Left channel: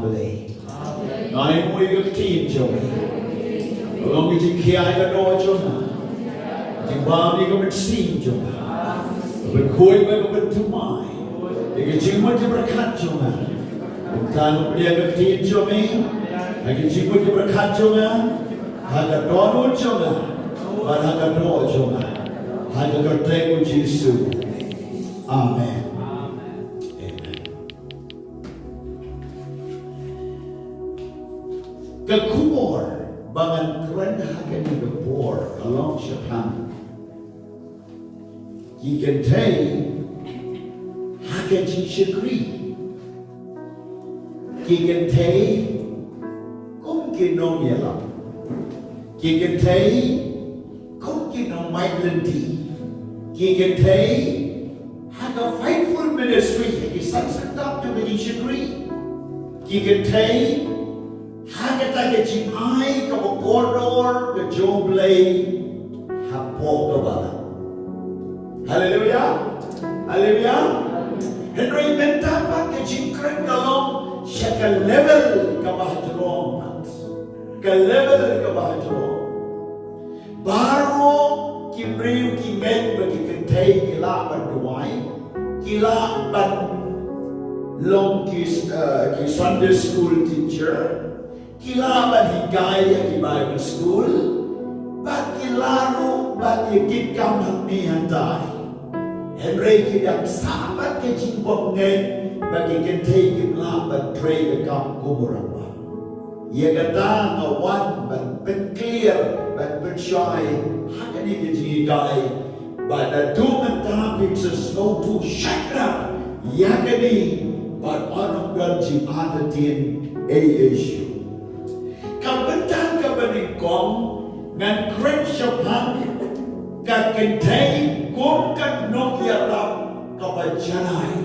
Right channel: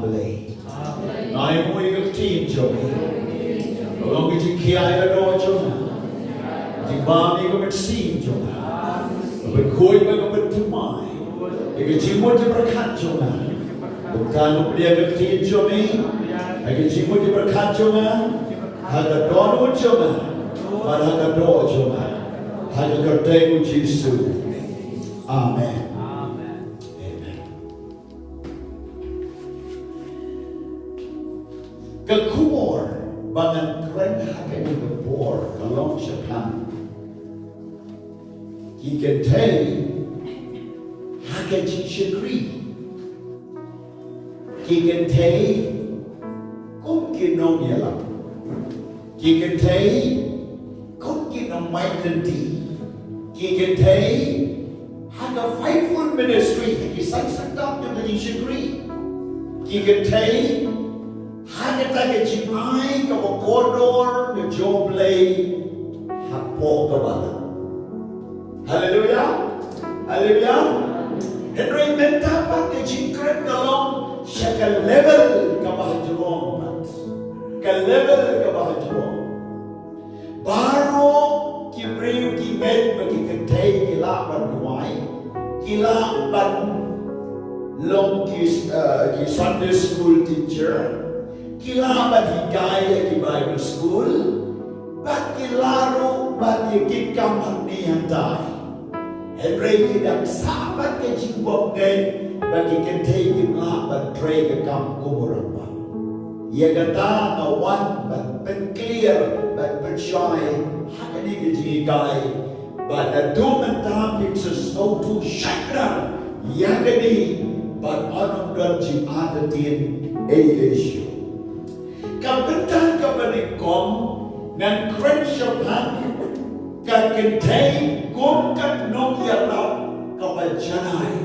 Blei. Ngai mui ke tim jong. Long ki kiai ka do jong. Ji ba ni ko met sim jong. Ba koi ba ko met tumai. Ki jimu ji berkat jong. Bukan dia ke tim jong ni. Ki jimu ji berkat jong. Haka do jong. Ba haka do jong. Haka kerteng Yesus. Amen. Kekumor bangan kren haka ni kebor kalong syakam. Kynthei Haka Jing Shakri. Kynthei Nongialap. Kynthei Nong Mait Lynti. Kynthei Haka Faithful Ministry. San Syrtap Haka Jing Shakri. Kynthei Haka JANAI kordor ke U Blei hapoh balang. Haleluya. Haleluya. Henry minta pakai jingkren kalong syakal level kabahajurong. Ke level kabahajurong. Baru kibriu kimen bagi Kynthei kila banduai. Kila ban long ki Sunday school teacher. Kila ban higaya ki Bible school, bat kilaru bat yikam hamni hantai. Henry kidak sahabat ke jimbok ngai bagi Kynthei kimla ban tray ke kam kumuramba. Ia kata ngawan ban pen clear ban pen shy hakani ke jigai ban adu mentah pictures no to shakra yakani ban anong dar jimatien issue. Kabentang kabanikom ngan kren syapang ka Kynthei kat Nongialap KABA JANAI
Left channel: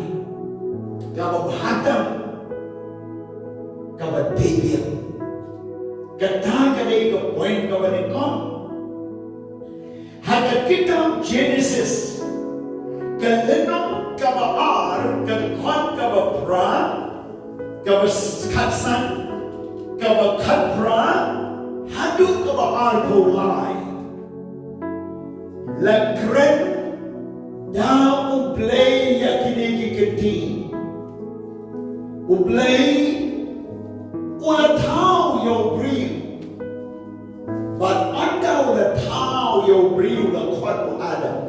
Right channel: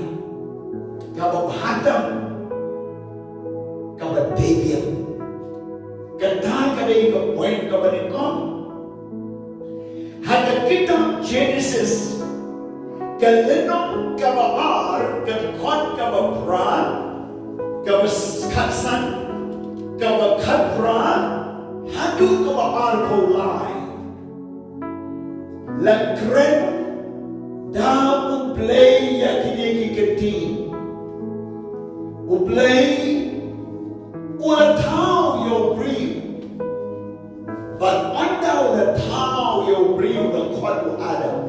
KABA hadam KABA debil kata kadai ka point kabanikom haka kitab Genesis kalenong kabaar katkon kabapra kabaskatsan KABA Khadra hadu KABA Kolosai la kren da U Blei yakini kiti U Blei ula tau yo bri but anda ula tau yo bri ula kwatu Adam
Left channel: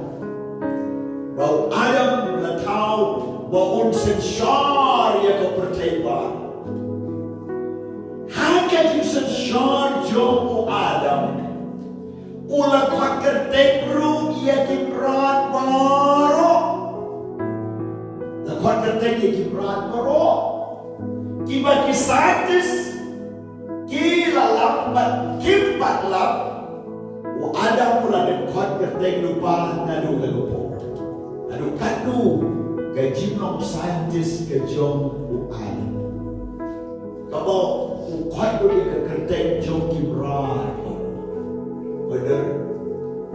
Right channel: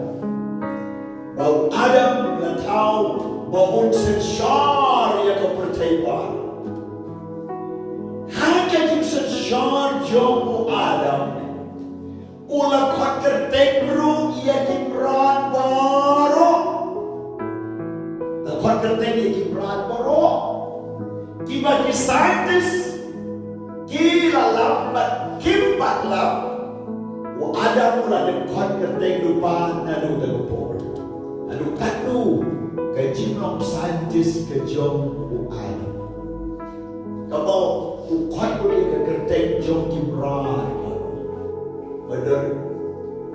bau Adam ula tau bau unsen syar ya ka perteba. Haka Jing Shakri jong Adam ula kwat ru ia kibrat baro la kwat ia kibrat baro kiba kisaitis kila lambat kimpat lap u Adam ula den kwat lupa nadu galupor adu katu ke jinom scientist ke jong u Adam kabo ukat boleh kertek jom kibrar benar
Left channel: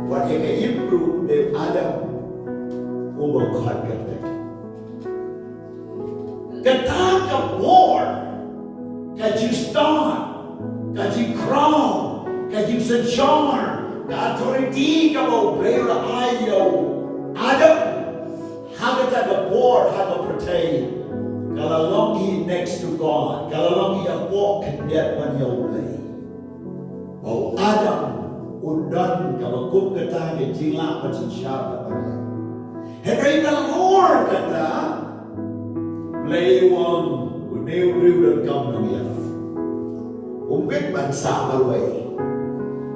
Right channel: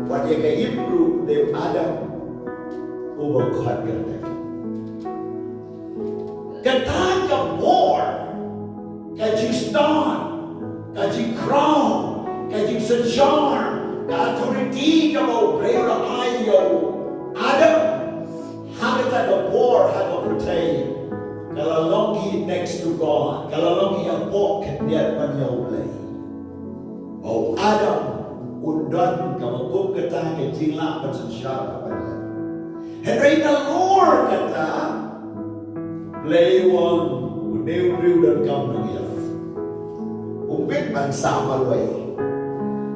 what yang improve the Adam over ukat kertek kata ke war kaji star kaji crown kaji sejar ke authority ke bau berada ayo Adam hagata ke war haga percaya. Kalau longi next to God, kalau longi yang walk dia man U Blei. Oh Adam undan kalau kup kata ke jingla macam syara pada. Henry the Lord kata Blei wang uneu dan kaum Nongialap. Umbit bangsa malway.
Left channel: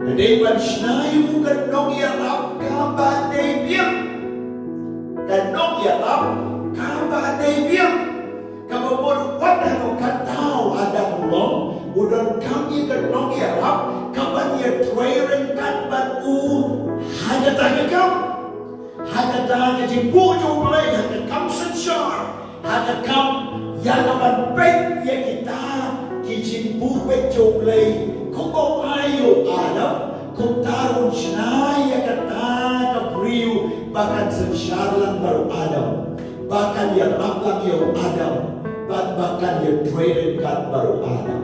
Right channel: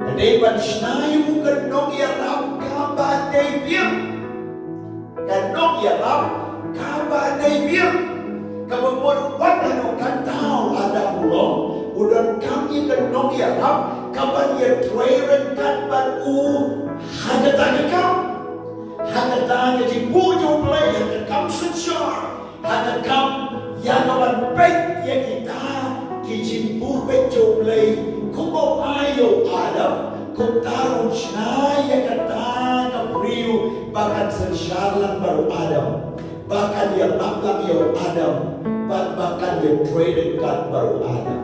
Henry ban snayu ke Nongialap KABA debiam. Ke Nongialap KABA debiam. Kalau buat anu katau ada ulong, udah kami ke Nongialap, kapan dia trairen kat ban hanya tanya kau, hanya tanya jibu U Blei, hanya kam sejar, hanya kam yang kapan baik ya kita kijibu baik U Blei, kumau ayo Adam, kumtarun syai ya kata kabriu, bahkan sejarlan baru Adam, bahkan dia laplang ya Adam. bahkan dia trade kat baru ada.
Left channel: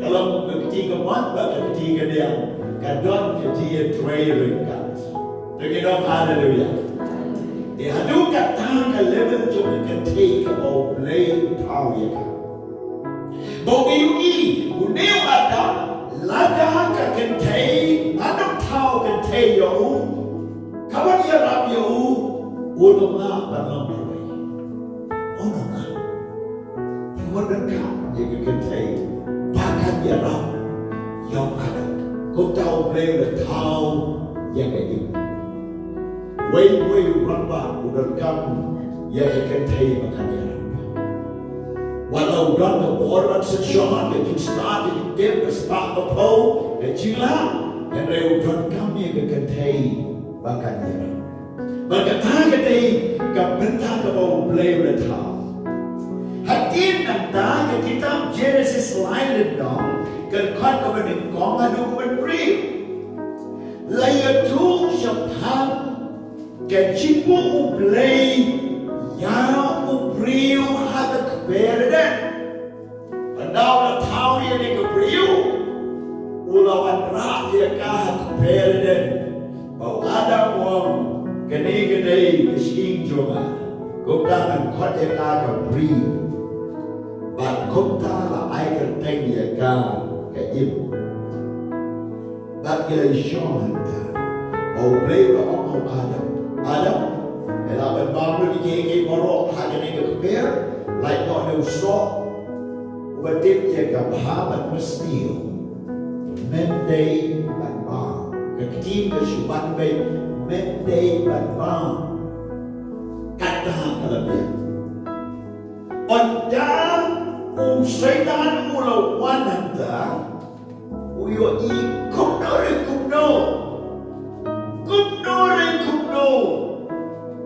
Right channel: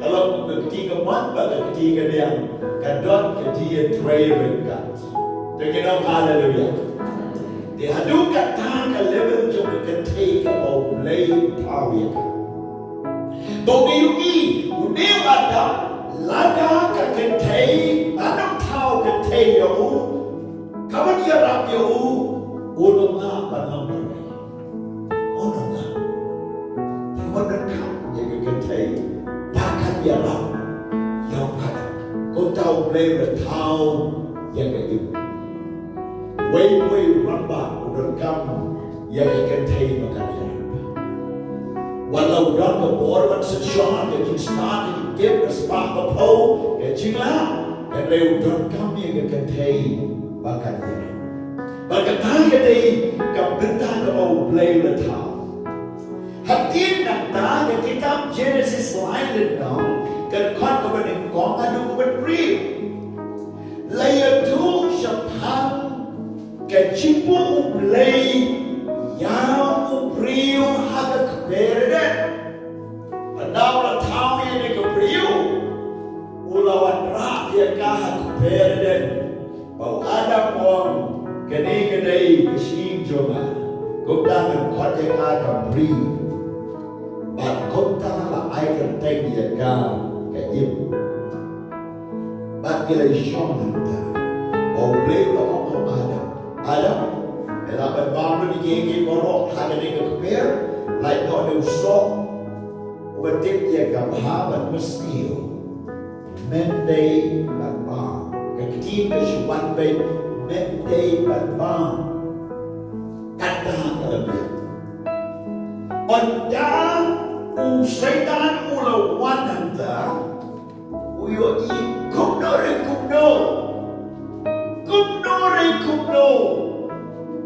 Kalau ketika mat, bahkan ketika dia kadon ketika trade kat. Terkena haleluya. Dia adu kata ke level jom Kynthei U Blei tahu ya. Bagi ini, udah ada lada ke Kynthei, anak tahu Kynthei yo, kawan dia rap yo, udah nak balang berbaik, udah nak. Kawan dekat dia ke Kynthei, bahkan dia rap yang ada. Kau tahu boleh tahu yang itu. Wei ramba udah kamu yang ke Kynthei makan dia. Walau dan orang sejarah yang start yang game start hapoh yang jilat yang dari udah kami yang Kynthei bahkan dia. Bahkan tak ada kebentar kau boleh tahu. Hati nanti kita Genesis lain dong kerana kau berdengkong ada kau beri. Layak tu siapa kejipu U Blei yang U Blei ada keberadaan. Padahal tahu yang dia keberadaan, ulawan rakyat kah keberadaan. Bahawa ada orang kene kesing jonga, kota dan kota kah keberadaan. But kota lah air teng dia kah keim. But kita syong anda, U Blei orang Adam, elaban babu di kiri borok hal ini keber, like not no sok, ubetip dia kabahat mesti, mendai banbang, ketim kesuban bay, mendai banbang, kata kelebih. Onda usaitan mulawan anda, uyo I KUMNO. KUMNO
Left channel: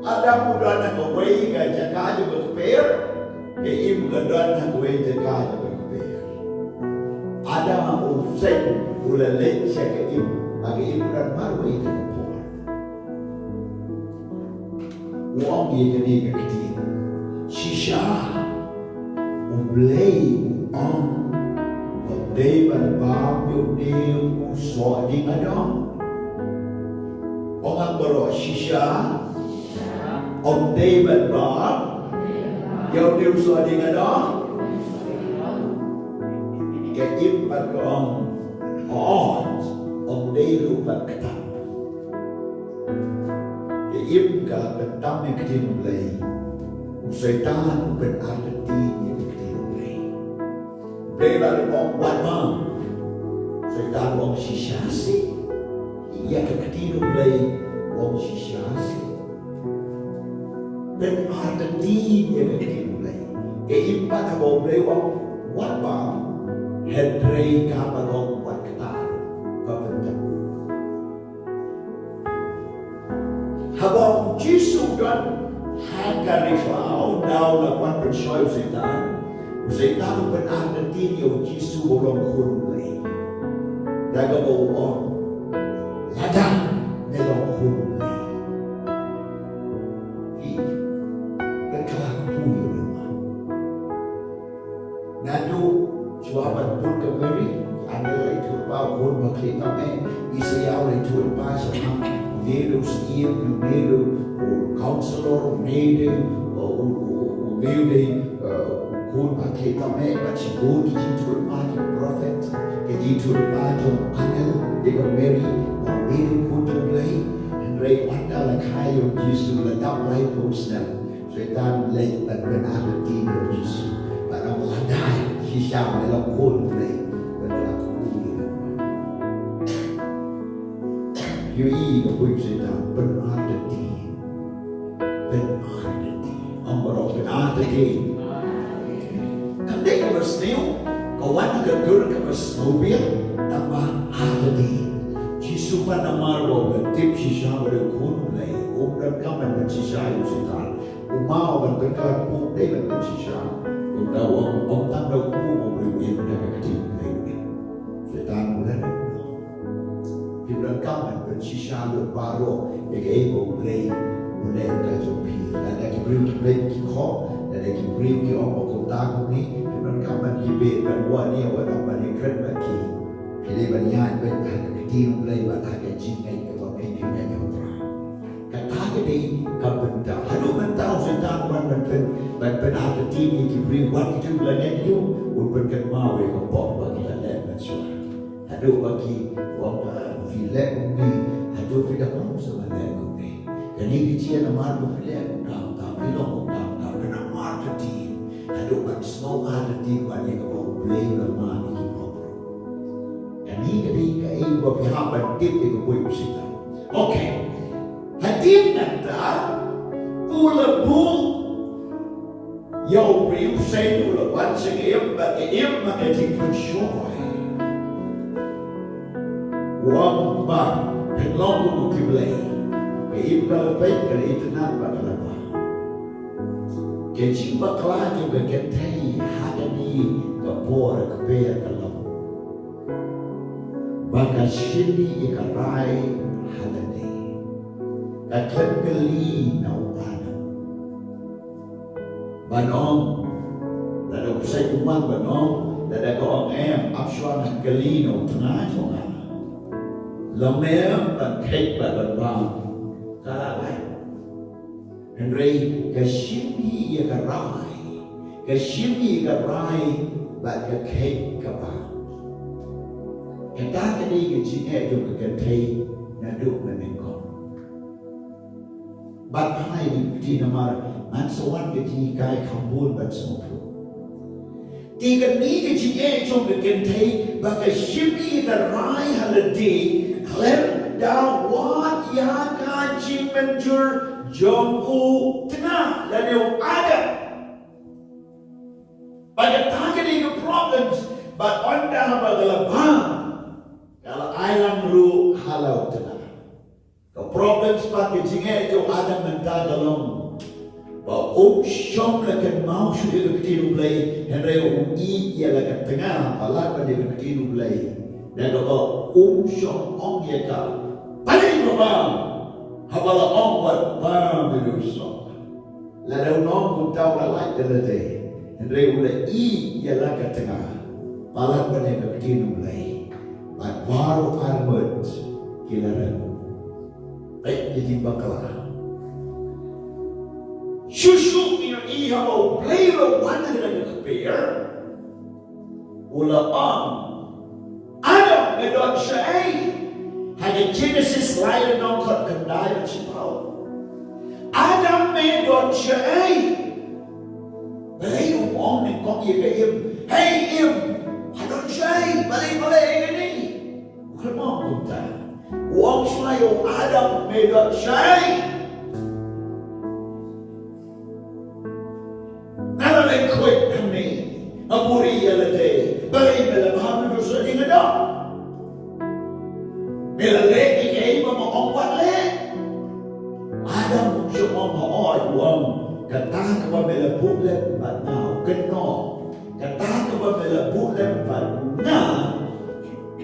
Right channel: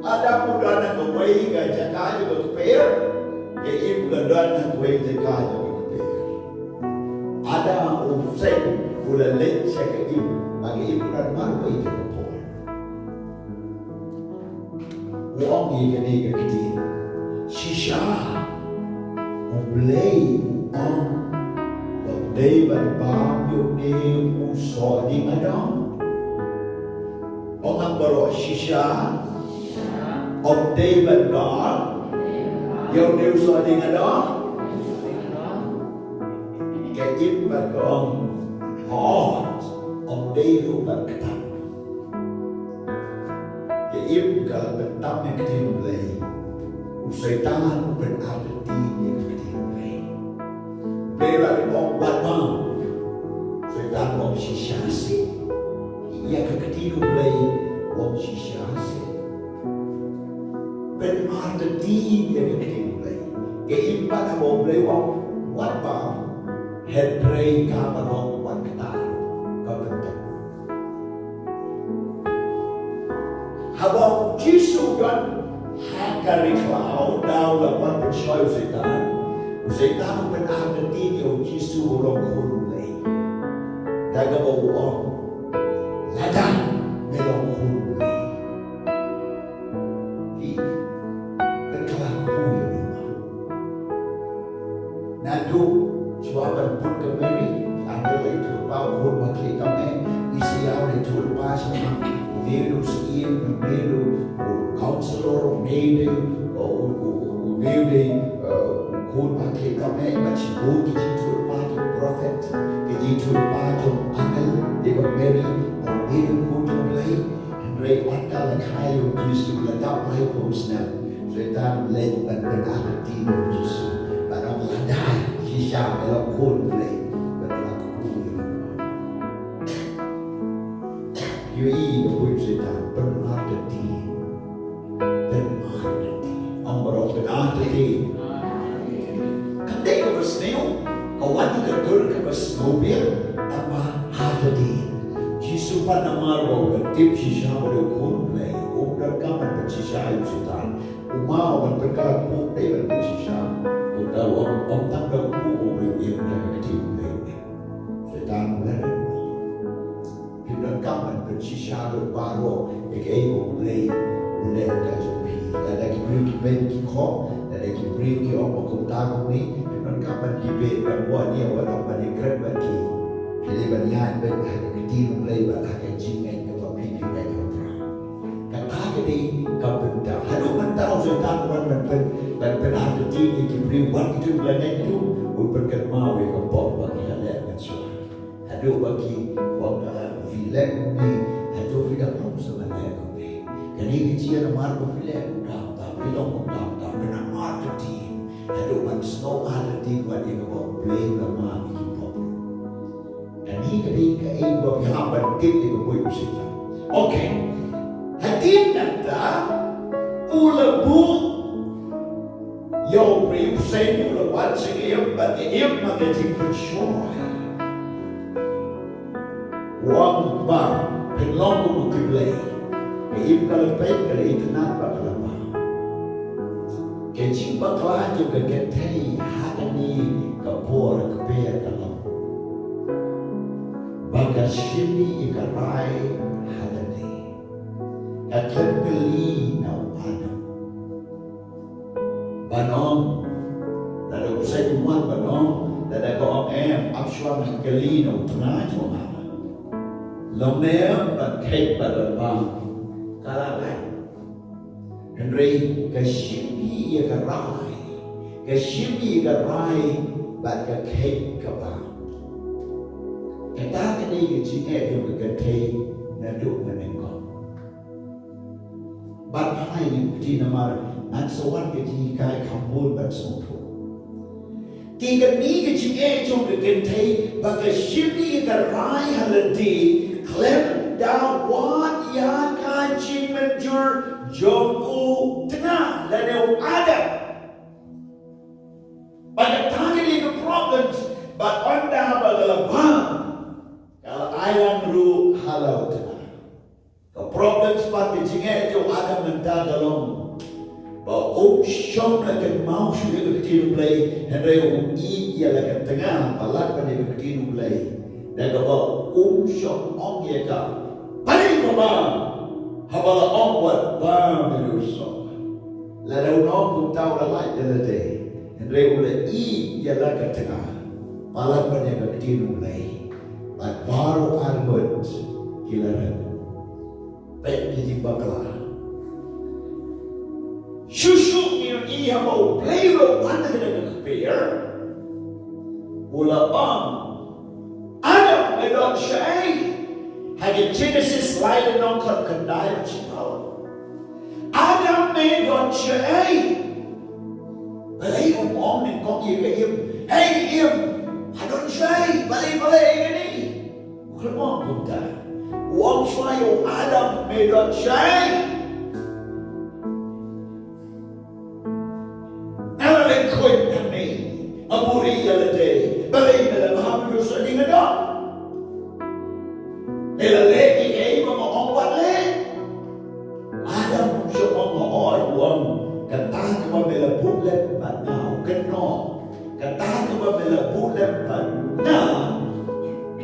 ada mudah nak kawai ke jaga juga keper, ke im kedan nak kawai jaga juga keper. Ada usai bulan lek saya ke im, bagi im dan maru itu keper. Uang dia ni ke kecil, SHAH U Blei uang, Blei berbam yo dia usah di madam. Orang baru SHAH Om David Bar yang dia usah dengan dah kejip pada Om David pada ketam kejip kalau ketam yang kecil mulai usaitan berarti yang kecil mulai lalu orang buat bang usaitan orang SHAH sih ia kecil mulai orang SHAH sih berarti dia kecil mulai. Keempat U Blei buat bang, hedrei KABA buat kata, kebentuk. Habang Jisu dan Haka Rifau dalam bersyai Setan berarti dia Jisu orang kulai. Daga orang ladang melong kulai. Nadu jawapan pun kembali anda itu bawa pun makhluk kami isiau itu pas menuju SHAH menuju counselor menuju pun makhluk kami macam budi itu pas prophet itu pas jom angel dia Mary menuju pun U Blei Henry wanda kayu Yesus letak lagi posnya setan lek dan berarti Yesus barang ladai SHAH dalam U Blei berlaku Yui kepunyaan setan berarti Ambarok berarti Kandai kebersneu kawan terdur kebersnobil tambah hadadi Jisupan nama roh tip SHAH berlaku Blei dan kaman bersihah setan umau dan berkelaku dengan bersihah udah orang tangga ku beri dah kecil Blei setan mulai kita kaman bersihah baru yang U Blei mulai terjadi dan lagi beri kita kok dan ada kibri ki orang kota kami dengan kaman debate ban ni awak nak ni kren bagi pilih banyak di U Blei Haka Jing ke pipi dan yotra kata ini kabenda hadu mentau setan ban ada di kibri wan itu belanya itu berkat mau ke pop bagi lalat mansua hadu bagi wang filek ni hadu filek nom sebenarnya ni jadi kecil nama tu filek tak ilong tak benar ada di hadu ban snow ada di wan yang U Blei lama ni pop dan ini kai buat pihak bandit di kuih musik. Okay, hadir nanti ulabu yang beri usai ulawan segera bagi maka dipercaya. Wang bang penlong kubu kiblai, kai kalau baik kalau itu nampak kalau kecing bakalan juga Kynthei Haka ni kapor keber kalau baka sini ikarai halane akan geli nau anam banong lalu saya cuma banong lalu kau orang absuan geli nau tengah cuma lemah dan kek pada bang kalangan Henry kasini ikarai baka kek KABA kata ni kecil juga Kynthei naduk menengok. Batai ni kecil nama mansuan kecil kai kambul bansufu. Tiga ni kecil juga Kynthei bagi sini terai haladi klem dah wat ya kaji menjur JONG tengah dan yang ada. Pada tanya ni problems, but on dah bagalabang. Kalau ayam ru halau tengah, kalau problem seperti jingek itu ada mentah dalam bahawa syom lakan mau sudah kecil Blei, hendak ia lakan tengah alat pada kecil Blei, dan kalau syom ong ia kau, paling bang, habala ong buat bang berusaha, lalu ong pun tahu lalai jelade, hendak ia lakan tengah alat pada kecil Blei. Baru armut kilaran baik jadi bakal Shushu ni hapoh Blei wan ada keper ulang Adam medot syai hanya Genesis lain nongkot kendai cipau Adam medot syai Blei umong ni kong ia hey im hadon syai balik ini Khongkrom kita, wang sayo Adam medot syai. Nalaleng kuit kami, aburi yalade, balay melamham dosa di ngada. Melalek ikay mamaong wale. Adam syumong haoy wang kata kaba melabulem patnaw KUMNO, kata kaba melabulem patnaw.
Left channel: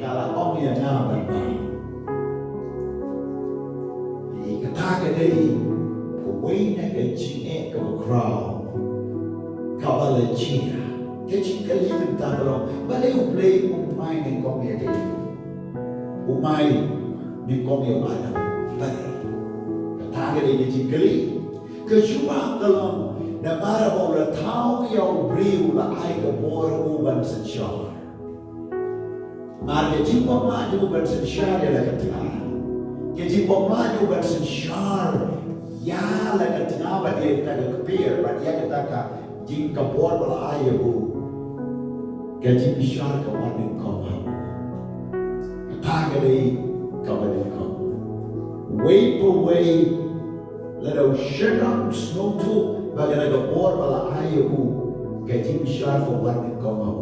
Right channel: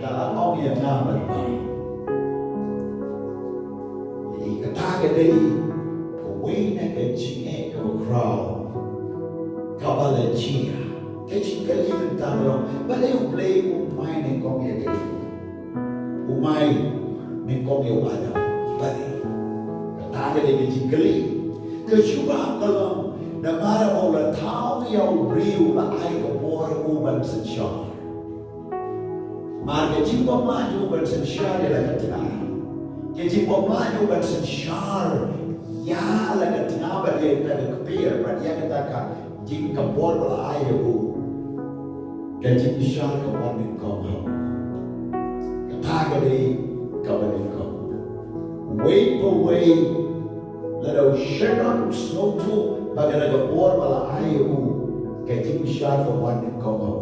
Kalau orang yang nampak, kata dia, kawin nak kecil kau KABA lecih, kecil kali mentah kalau, balai U Blei umai ni kau yang itu, umai ni kau yang ada, balai, kata dia kecil kali, kecuali kalau nama orang tahu yang beriu lah ai kebor uban SHAH. Maka jika maju bansen syar ialah kata, jika maju bansen syar, ya lah kata apa dia kata kepir, dia kata jika buat bola ayahku, gaji besar kawan kau ham, kata dia kawan kau, wait for wait, lalu syaitan snow tu, bagi nak buat bola ayahku, gaji besar kawan kau ham,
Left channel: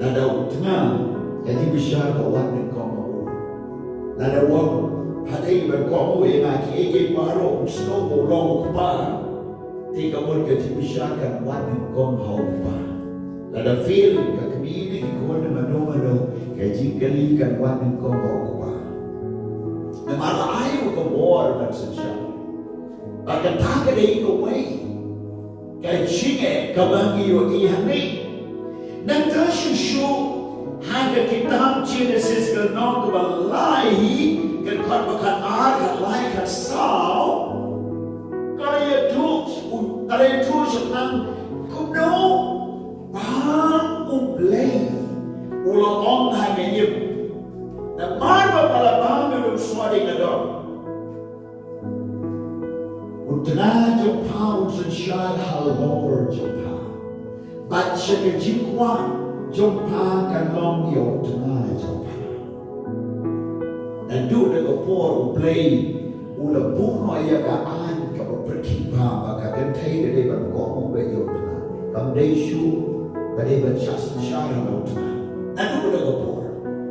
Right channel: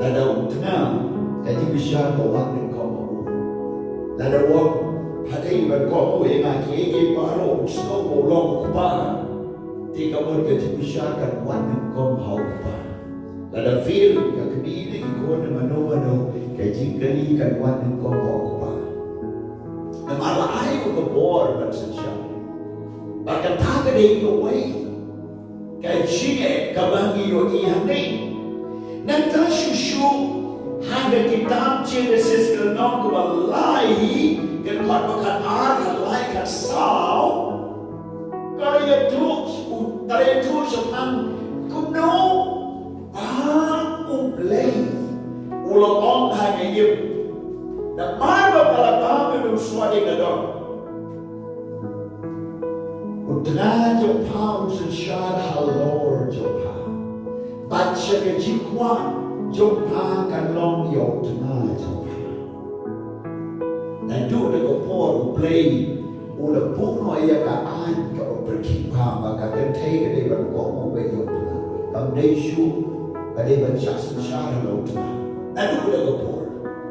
lalu tengah. Jadi besar kawan dan kau mahu. Lalu wang hadai berkau mahu yang aki baru snow bolong kepala. Tiga orang jadi besar kan kawan dan kau mahu kepala. Lalu feel kami ini kau na mano kaji kali kan kawan dan kau mahu kepala. Nama ayu ke bor bersesyar. Bahkan tak ada itu way. cái chính cái bang yêu ý hàng này nên ta shu hàng cái kitab Genesis cái nong cái balai cái con bakan ar cái lai cái sao cái tu cái tu sepan KUMNO bang U Blei ulo ong hàng cái yêu na marba pala bang cái semua di kedok Utna jo pau sun shar halor jo pa bat shege jikwa jo pa kan long yo tna jo pa na du de ko por U Blei u la bu no ya ka an ka perki pa ba ka kan thai ke de ban ko mo be yo tna kam dei shu ka de ban chas shar lo tna na du de ko por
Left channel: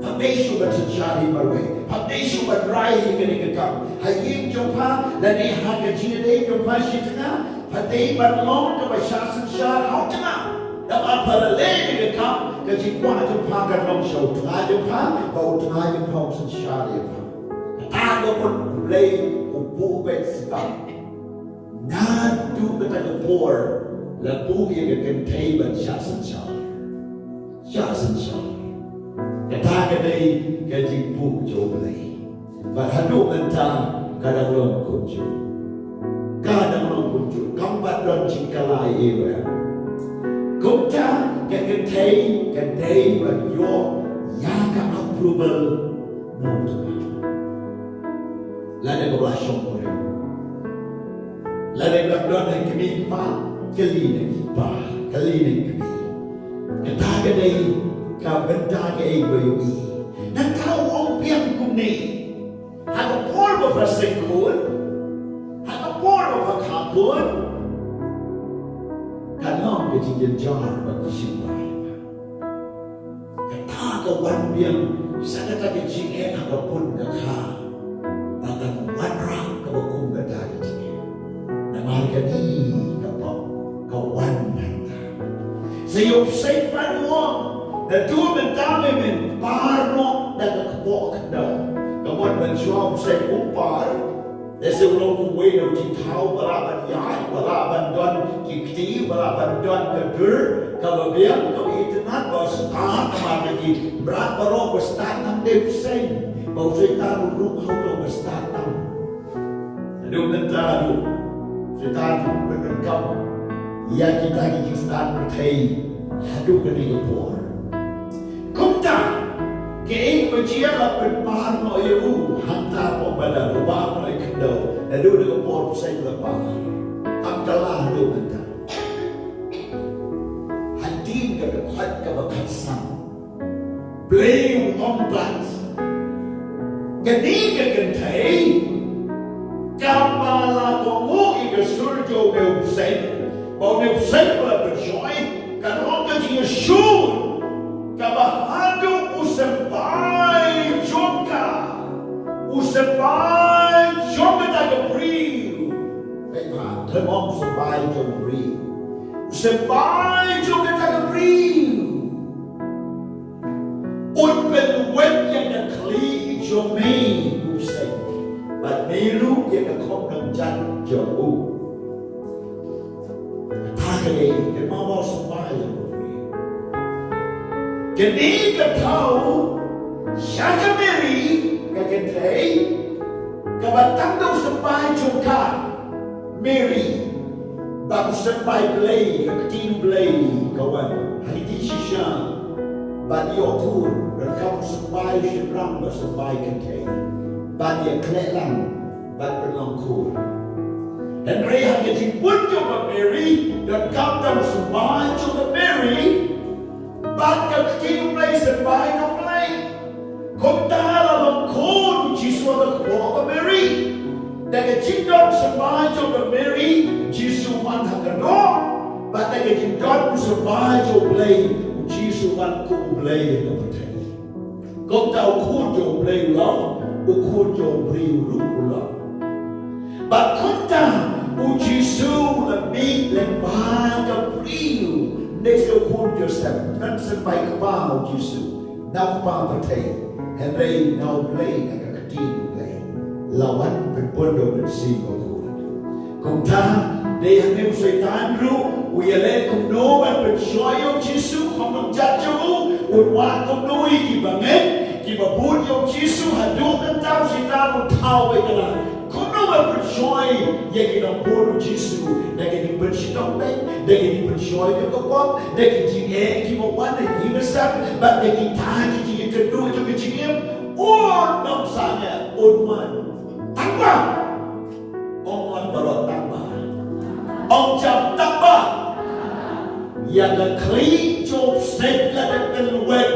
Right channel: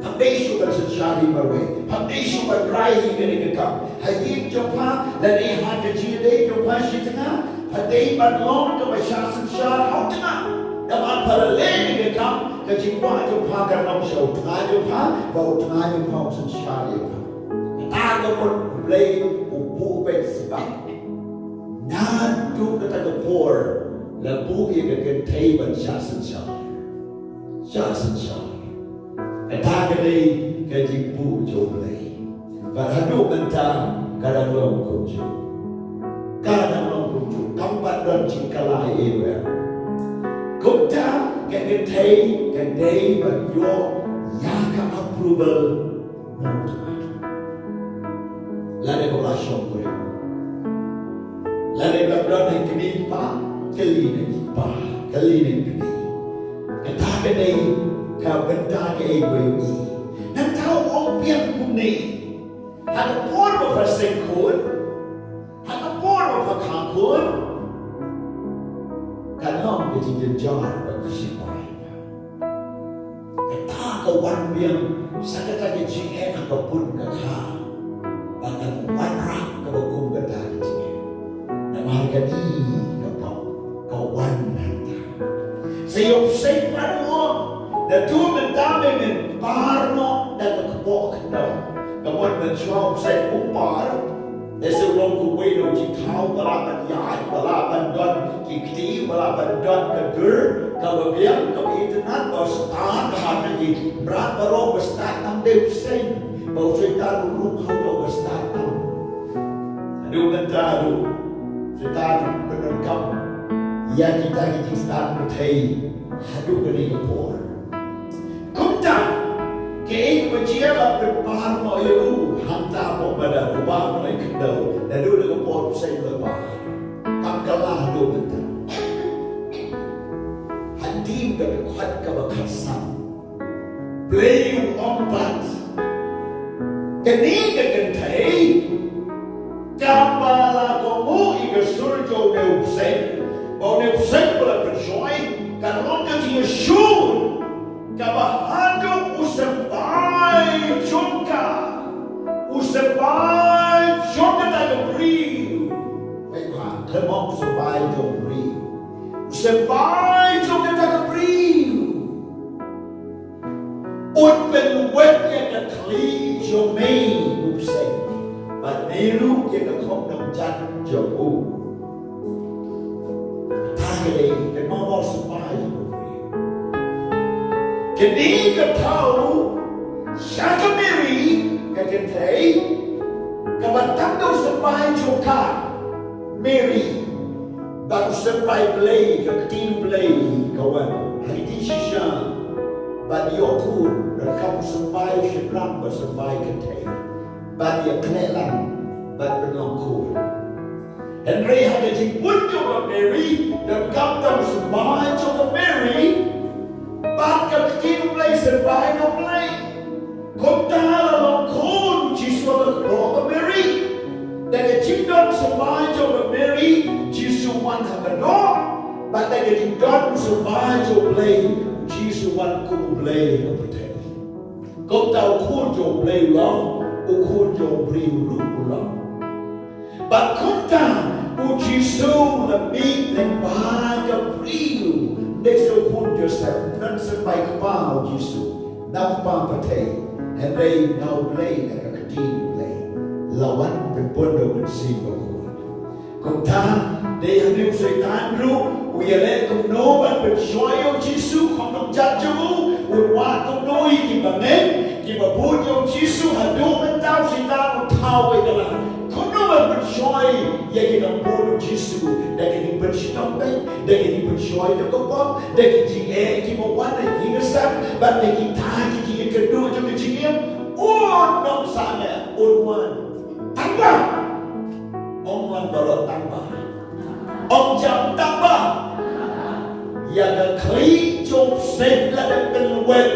Pagdesyo ba sa siyari marwe? Pagdesyo ba rai ka ni kakam? Hayik jompa, lani Haka Jing jompa siya tanga, paday ba long ka ba siya sa siyar hao tanga? Naman paralel ni kakam, kajikwa jompa ka long siya tanga jompa, bao tanga jompa sa siyari pa. Kataga mo ulay ububet sa nadu ka tagapor, labu yung kagantay ba siya sa siyar? Siya sa siyar. Kata kadai kajimpu joblei, berhadap tentang kadang orang kunjung, kambat dan cingkalai ibu. Kumta kadai berjuang yang approval mutu. Lalu belah syukur, lalu belah yang kini kali ni. Kata kadai ka benda ke ibu nan tahu orang piang kumni hak por ba persekun hak por ba kakun kan long ke jing jar ba sipai kata ka wan piang sakata ke jing hak pun ka kha ba kan wan rak ka ba kum ka ta jing na mar ka ni ka wan nan ta sayop sai pa dan tu mentame men parno dan kepo kendau kemudian mensuam saya upar ese ulong kuwe no ji thau balaban yai balaban don kikti balaban don kedur kababian kabitenat bos ta kamar ji berat baro bestat nam dep sen bau setan rup hau do bestat nam adu kentadu setan penengkap ya kita start berthai adu kini kepor Kumta, ke berjialah berpahar no iu hantar pada rubah no ikendau dan dulu dengan pot saya berpah kamkalah dulu kita hati berkuat kebakasan beliau ompat kini kegentai kabala komu ika surjo neupsen bau neupsen berjoy kan orang dia syur kabahado usabai jonga daga brio aiba temom usabai jonga brio usabai jonga daga brio unben wet yang kli jomei usai but meru yang khongkrom jan jomu tagale ke mama usabai Kini tahu syaka Mary Kynthei kabatang daw sampai joka Mary bago sampai Blei katin Blei kawan hari sisya banyo pun rekam sampai syakram sampai Kynthei banyo klelang bat penongkur Henry Haka Jing pun joka Mary dan kabatang sampai joka Mary Bakat kini Blei sampai Nong Blei. Kota lalang kon Jiswa ke Boga Mary. Dan jindon sampai Joga Mary Jisu man hakador. Batak jindon sampai Joga Blei Jisu man ku Blei kapten. Kota ukun Joga Blei ulang, ukun Joga Blei ulang. Bat kota Jisu lebih lembaga Blei. Nesto pun Joseph dan sampai kepala Yesus nampak petai Henry now Blei agak kecil Blei lawan berpondo bersih berkuat kota dia yang setan ru Uyale KUMNO ban percaya Yong Yesus Khongkrom jatuh Unwan KUMNO iki bangen Kibabun Yong Yesus haduk mentau sita utau ikalah KUMNO ban percaya Ya kita pun Yesus Dan kita bercitong Dan kita percaya Yong kepop Dan kita kimawan Dan kita besar Dan kita kedua Juga jingim Nong sana Unwan Tambah Ongwan balot tambah Ông chăm đắp ba Và là khí chộp xếp là được cần quệt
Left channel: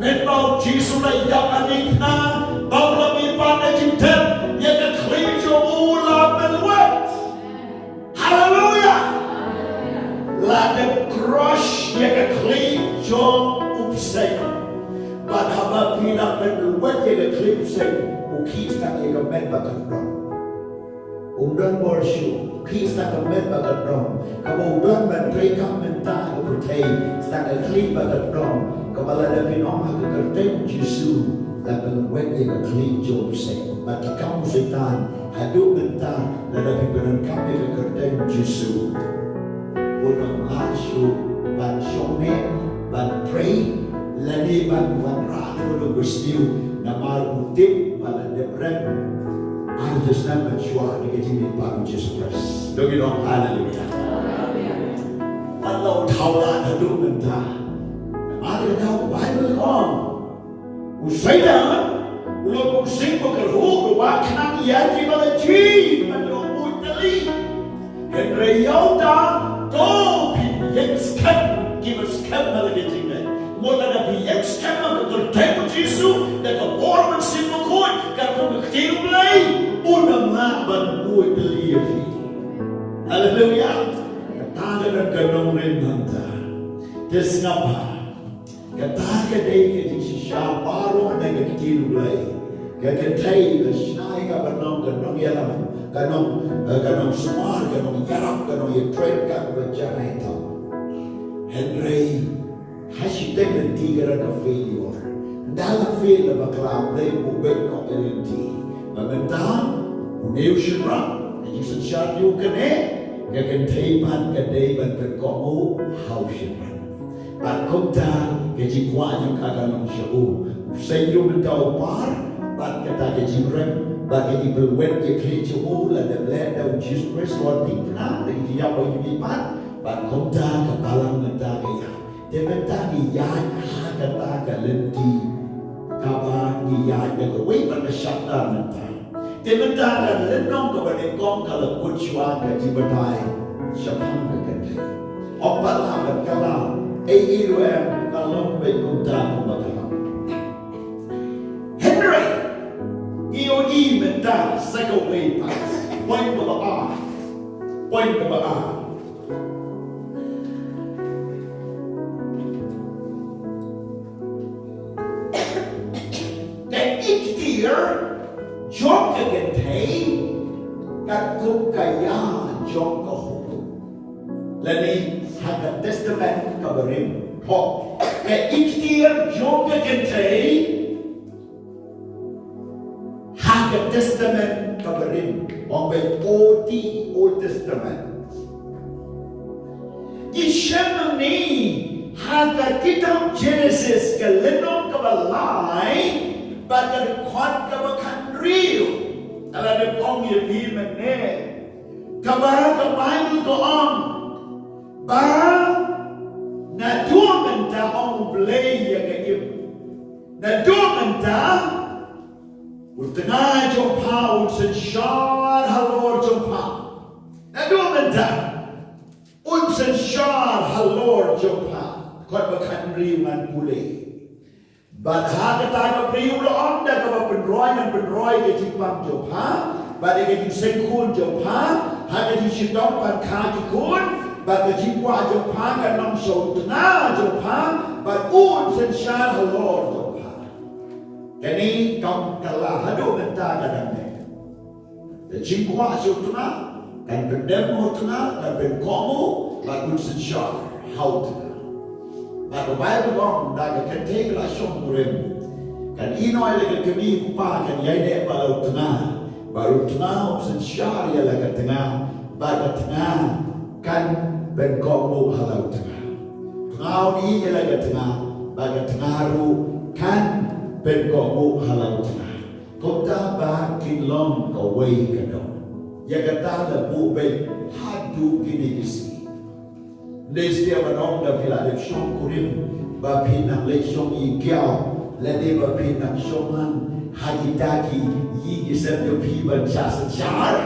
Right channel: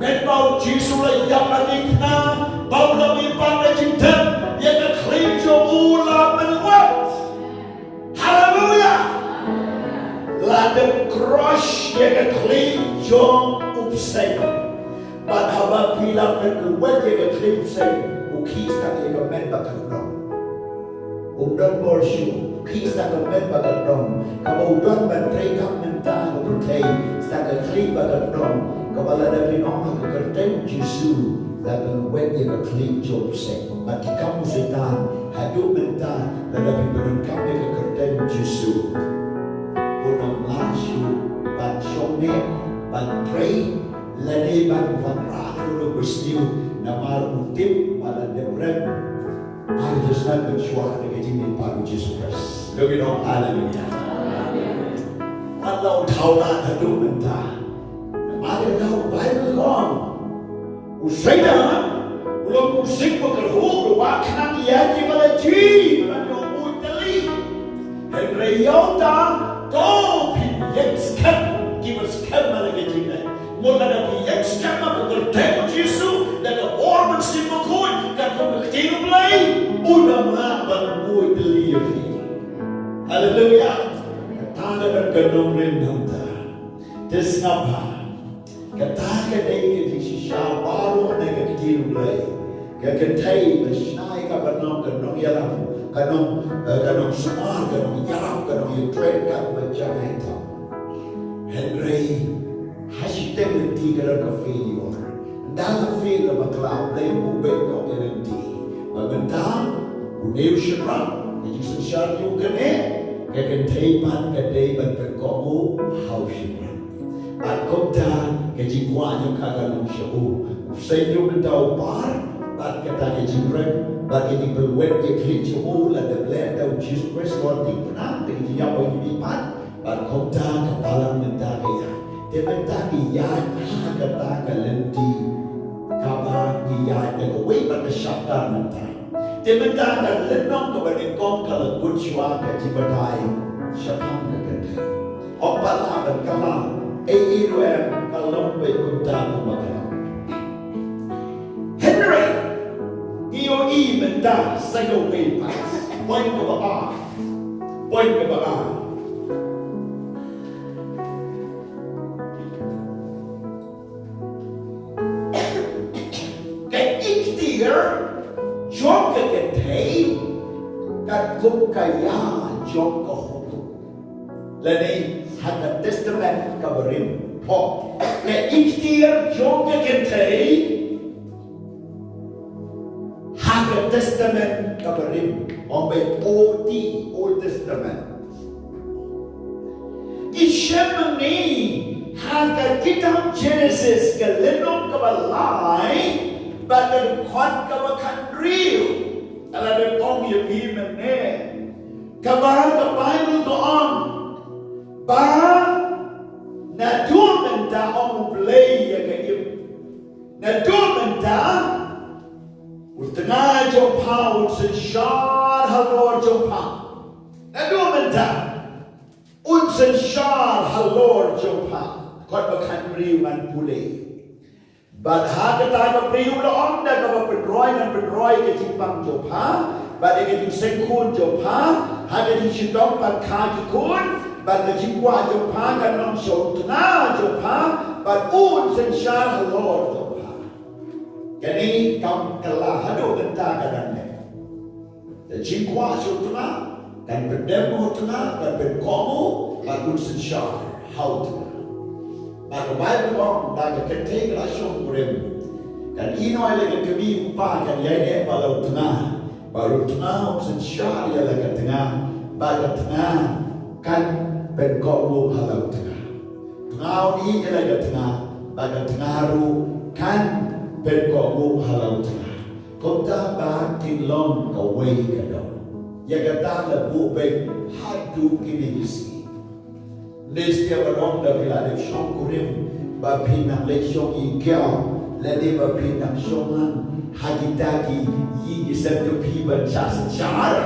Nên bao chí xuống lại dọc là đi thà Bao là bị bắt ở chính thân Và là khí chộp u là bên quét Hallelujah Là được crush Và là khí chộp úp xếp Bạn hà bà phí là bên quét Và là khí úp xếp Ú khí sang là cái mẹn bà cần rộng Udon borsyu, kisah kemen bagat dong. Kalau udon bantri kap mentah kepercay, setakat klip bagat dong. Kepala dari orang kekerten Yesus, lapan wet yang klip job set. Bagi kamu setan, haduk mentah, lapan berengkap yang kekerten Yesus. Udon lasyu, ban shomet, ban pray, lade ban wanrat udon bersyu, nama utip pada depret. I just not been sure to get in by Jesus Christ. Look it up, hallelujah. What low tower to do in time? I don't know, Bible on. Who say that? Who look sick for the whole, what can yet give a G, but you would believe. And Rayota, go, yes, come, give us come, getting there. Mula na biyak skema kekerten Yesus dan keborman simukoi kan U Blei unam laban mui believe. Hallelujah. Kata dan kenong renanta. Desnapa. Kata kadai ke syah baru ada ke U Blei. Kynthei Haka kabanong Nongialap kanong semar kanong IARAP kanong kren kan JANAI. Henry Hashtag Lynti kerana failure. Dalam fail na bakla Blei U Mawmihthied Lynti. Magandang unew syarang na San Syrtap yung kine Kynthei man kadai ban perkomu hau syarang. At kumta kajikwa yung kagalong syabu. Usay yung mentau par bat kata kajirem bat ini berwet ke klicu la de bled daun Jesus Christ Lord di tenang de jiap yung lipat bat kumta kapalang menta kaya. Tementa BIANG kata Lynti KABA BIANG dan wei pada syabda menta. Tementa dan lenong kepada kong kalau kucuan dan jibatai syabang kekentai. Opat habat kalam AAUM kalau berkuda kemakam. Henry EOE menta sego wei pas. Poin keba'a. Poin keba'a. JONG Kynthei kat kaya JONG KUMNO. Lani Haka Testament kabarim po. Ke IKTIAT JONG Kynthei Haka Testament kabarim. Ombe Old Testament. Isyam ni Haka kitab Genesis ke lenong kabalai. Badan kuat kabakan real. Ala de ong ye pi mene. Kabah ke Bible ko on. Ba na dua menta ong Blei ya ke im. Na dua menta utengah jompa unsen syar halor jompa. Na dua menta unsen syar halor jompa. Kuat bakan real man Blei. But haka tayo priyo on da ka pendroy ke timpang jopha, but ke sengkun jopha, haka di sidong pan kaki kun, but ke jingwa jopha ka nong so tuna jopha, but sen syah halor jopha. Kani kam kala hado benta kadang-kadang. The jingwa so tuna, kan pendemo tuna, kan penkomo, but sen syah how tuna. Maka Bible orang dah Kynthei langsung kurem. Kan ino ada kami upah kan yai baru tengah, baru tengah option syar ya laga tengah, baga tengah kan เป็นเกาะมุกฮาลาตงาเงานี้อะไรกันตงาบางกันตงารู้กันเป็นเกาะมุกฮาลาตงาก็ตาบากินล้อมก็ไว้กันดองอยากตาละบุเป็นฮัดดูกินดิสีในเสียวันน้องเดพิลาเด็กช่องกุริมบาพินังเล็กช่องอีเกียวและในบาพินังช่องนั้นฮากิตากียี่กิเซนดูพีบัญชาสัญชาร์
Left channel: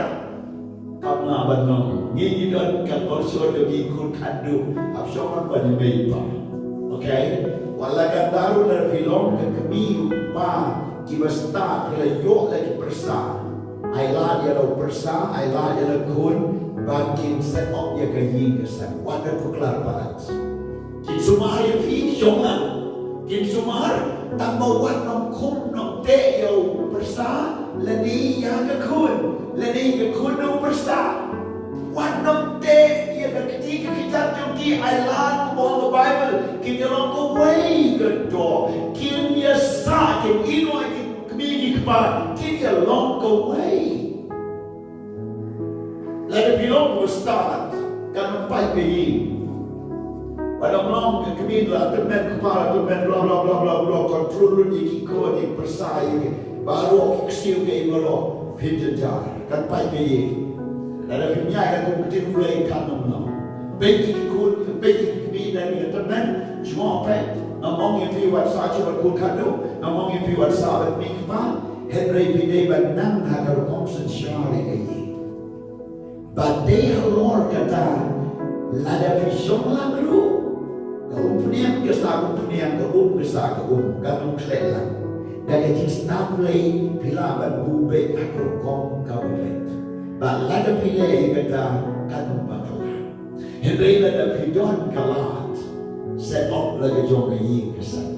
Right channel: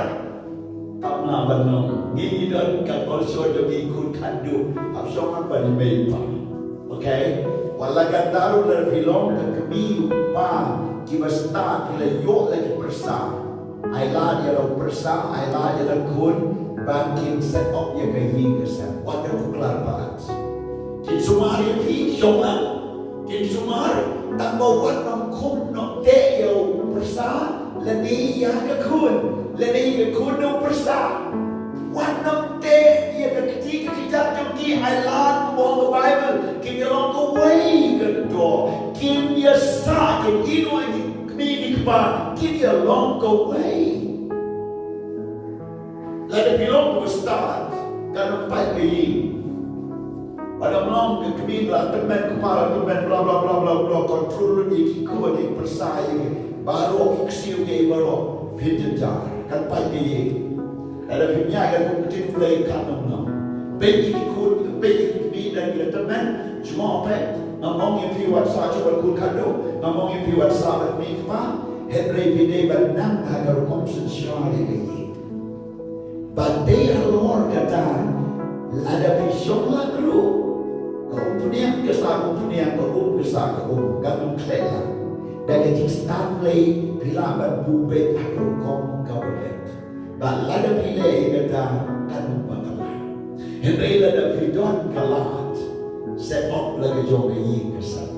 กำลังบันนองยี่ดอนกับคนชวนดูยี่คุณขันดูอับช่องนั้นบันไม่ป่ะโอเควันละกันดารุลพิลองกับกมีป้ากิบสตาร์เลยโยกเลยกิประสาไอลาเยเราประสาไอลาเยเราคุณบางกินเซตออกยังไงยิงกันสักวันนั้นทุกลาบาทกินสุมารีพี่ชมอ่ะกินสุมาร์ตั้งมาวัดน้องคุ้มน้องเตะเยาประสาและนี่ยังกับคุณและนี่กับคุณน้องประสาวันน้องเตะยังกับที่กิจจงที่ไอลาของบอลไบเบิลกินยาลองก็ไว้กันต่อกินยาสากินอีโนกินมีกินบ้านกินยาลองก็ไว้และในพี่น้องผู้สตาร์ทการไปไปยิงpada malam kami lah teman kepala teman bla bla bla bla bla kontrol ni kiko ni persai baru kesiu ke baru pinjar kan pai ke ye ada punya kan mungkin mulai kan nama bagi ikut bagi kami dan dia teman cuma apa ngomong yang piwat saja berkun kado ngomong yang piwat sahabat ni kemana Hebrew bidai bandang agar komsen syari ke ye badai luar kata ada pisong langru kau punya kesah kau kesah kau gantung kelah dan ketika start play bila berbubet aku kom kau bet balada pilih kata gantung bakalah Henry lada pidon kalah set up lagi JONG ini kesah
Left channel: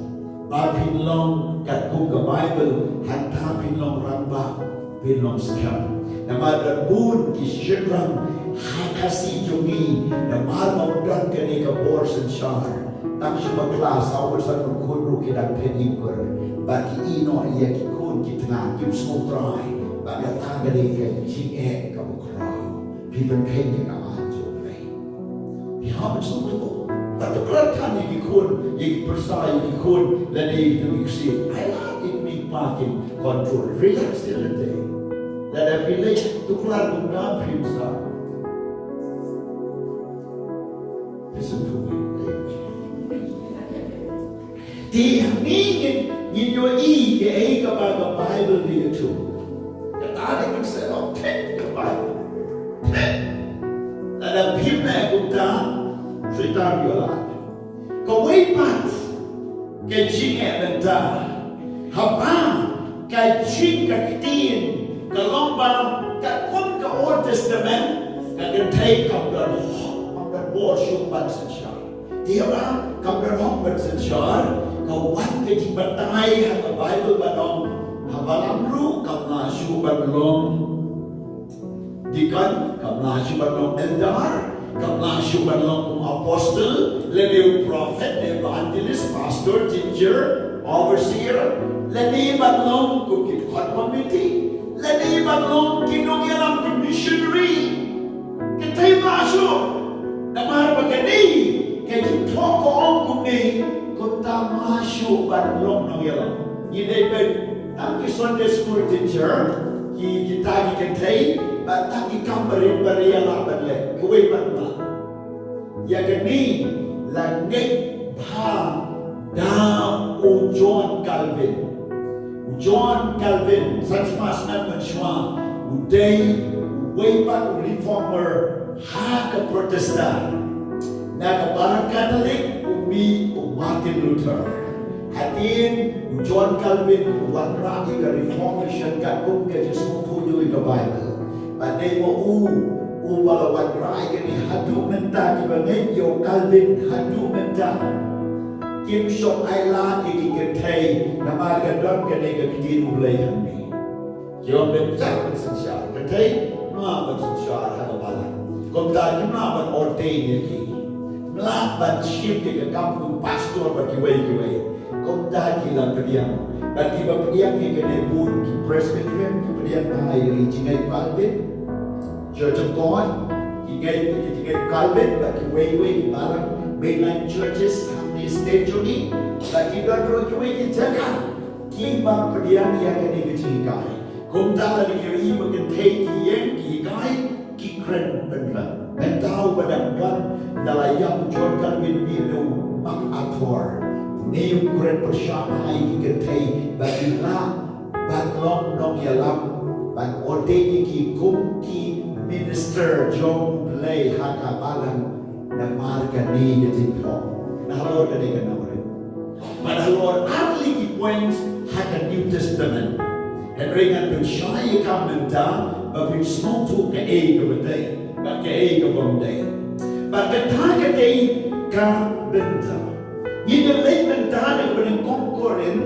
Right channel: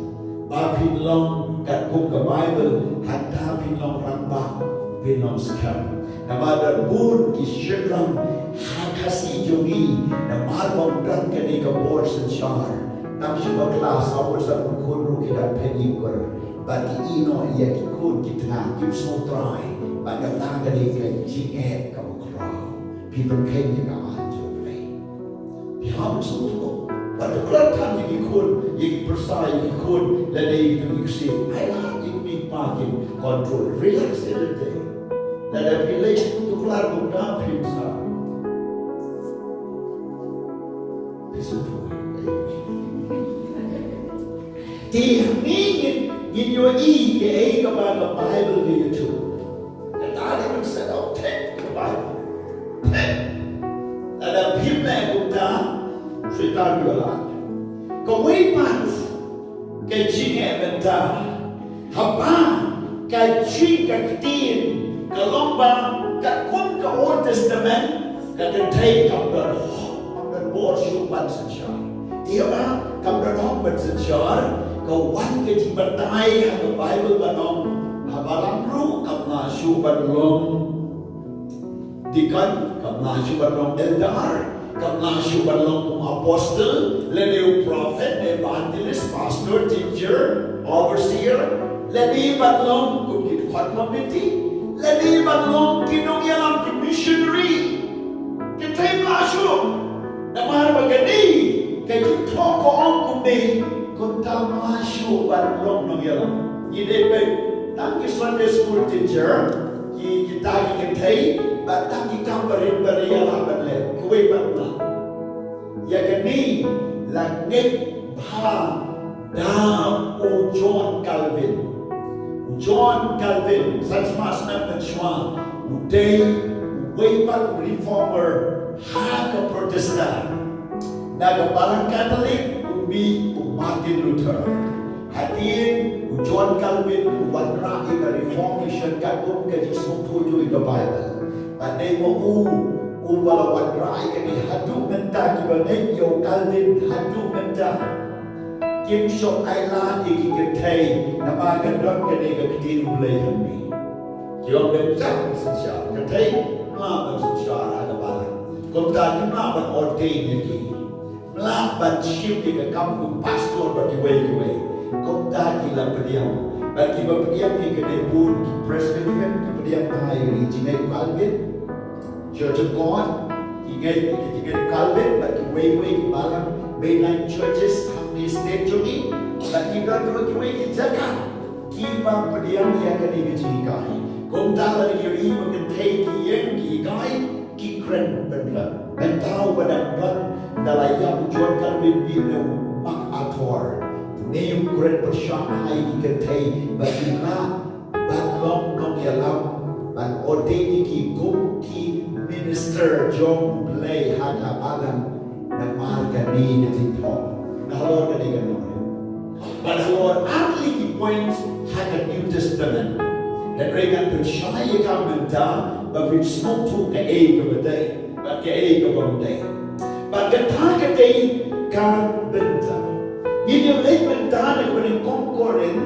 bapin long kat kum ke Bible hantar pin long rambak pin long sekarang nama berbun isyukran hakasi jongi nama maudan kini ke borsen syar tam syukur kelas awal satu kunru kita penikur bagi ino ia kikun kita nak yusuf try bagi tangga ni ke JANAI kamu kerau people kene ke anjo play biar semua pada kelihatan yang kikun yang persai kikun dan itu iksi ayah ini makin kontrol relax everyday dan everyday tu kelar guna pinsa Kesumpul Tiang ni nhìn vô ý cái ấy các bạn có Bible đi YouTube cái ta thì mình sẽ đọc hết cái Bible hết là đọc phim này của ta suy ta vừa lại còn mấy bạn cái chuyện này mình ta học ba cái chuyện cái tiền cái long ba cái quân cái Old Testament cái thầy cầm đợt bor syuk ban sensar dia ba kam danong ban sensar kau wan ke jibatai ha Bible banong habalam ru kam na syuk ban long dikan kam na syuk ban long eldar kam na syuk ban long apostle le prophet le evangelist pastor teacher overseer le ban long ku kit community le ban long kinongialam missionary Kynthei masuk nama begini, kita toko angkum ni, kita masuk balong Nongialap. Ini ben, tangki Sunday school teacher, kita ni Kynthei, tangki kamperin berialah berle, kuih berla. Ya kini, langit bah, dah John Calvin, saksmas nak mencuat, udai, wepat reformer. Haka Protestan, naga balang Katolik, umi Martin Luther, hatin John Calvin, wadra ika Reformation kakum ke Yesus tuju ika Bible. Bandai mo bala wadra ika ni hadu menta kibane yo Calvin hadu menta. Kim shop island iki Kynthei, nama gadon kene ke kiti U Blei kami. Jom betul sensar, Kynthei ma sensar haka balang. Kau tak kenal ban ordain lagi, melaban syiem ke kampung pastor bagi way. Kau tak gila pediam, bagi pediam ni kena pun Presbyterian, pediam bahaya JANAI Calvin, Church of God, Ingat Calvin, bagi way balang mainline churches, hamni state jogi, bagi gandro way jaga, kiba pediang yang kini kejikai. Kung tak lagi yoi mengentai kien kikai, ki kren benar. Mentau badan ban dalayang John Calvin bilu mak ator. Neu kren persyamai kentai bagi na balang Nongialap, ban ordeni ki kumki Minister U Blei Haka balang na marga ni detipo. Nahalor ka di gano'n. But halor atli ki points Haka New Testament. Henry kan persyaya kamenta, bapin smotu ka badai, bat ka bandai. Bat ka day ka benta. Yun lay benta na paning Khongkrom,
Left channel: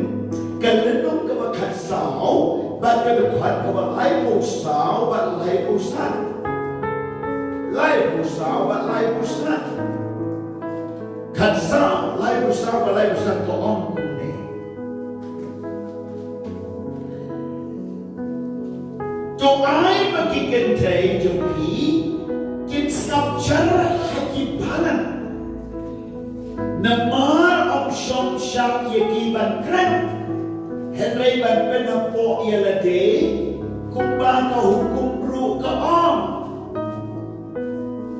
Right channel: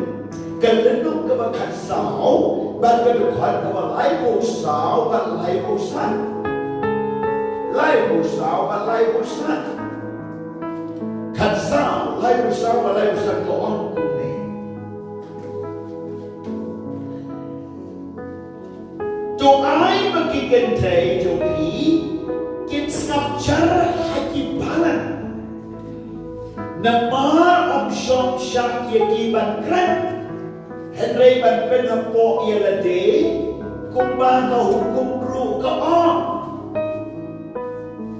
kalenong ka makasao, bat ka bukhat ka walay sao, bat lay san. Lai busau, bat lai busan. Katsau, lai busau, bat lai busan ko ang kune. Doai bagi Kynthei joki, kinsap cara haki balan. Namar om syom syam yaki ban kren. Henry ban penapo ialade, kumba ka hukum ru ka om.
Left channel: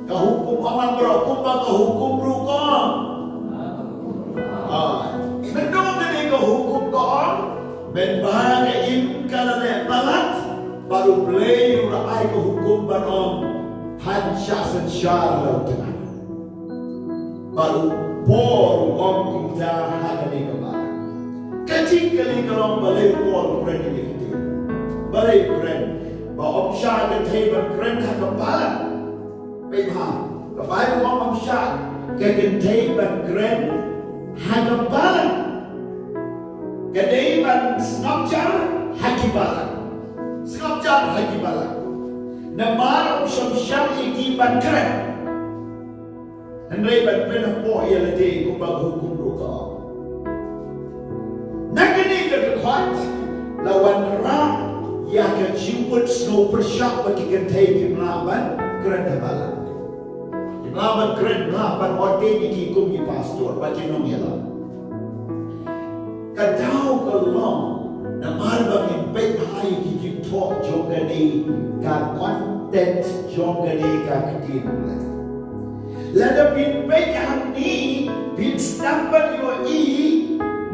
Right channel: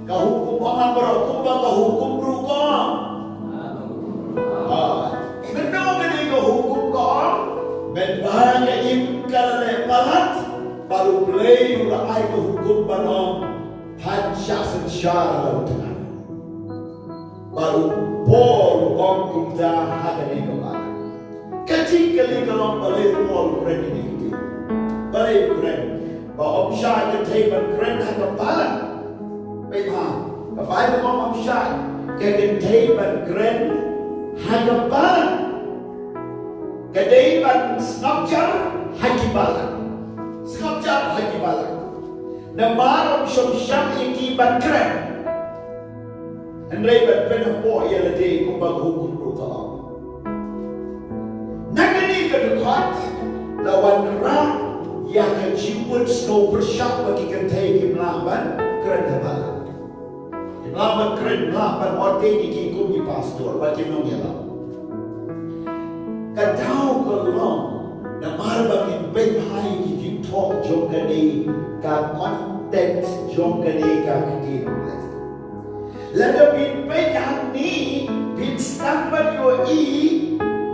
Kahukum orang berhukum kahukum rukam. Menong kini kahukum kaam, menbahang im kalane palat, baru Blei urai kahukum banong San Syrtap dengan. Baru Paul om kumta hagani kemana. Kecil kali kalau Blei Paul keren ini itu, Blei keren. Baom syah Kynthei ban keren hagam balang. Bapak, Bapak ngomong syah, Kynthei ban kren, hagam balang, Kynthei ban snapjar, hagi balang, snapjar hagi balang. Namar syom syam iki ban kren, Henry ban penapo ia lede kumbang hukum ruka. Nagani kedekat lawan rak yang kejiwut snow bersyak bagi Kynthei kimlaban kren balang. Lawan keren lawan ordeni ki kum ki pastor bagi Nongialap. Kadau kelong na marba min bet hai ki jing talk jongani ka content jongani ka ketin. Lada bin bet yang ni bin stampan yo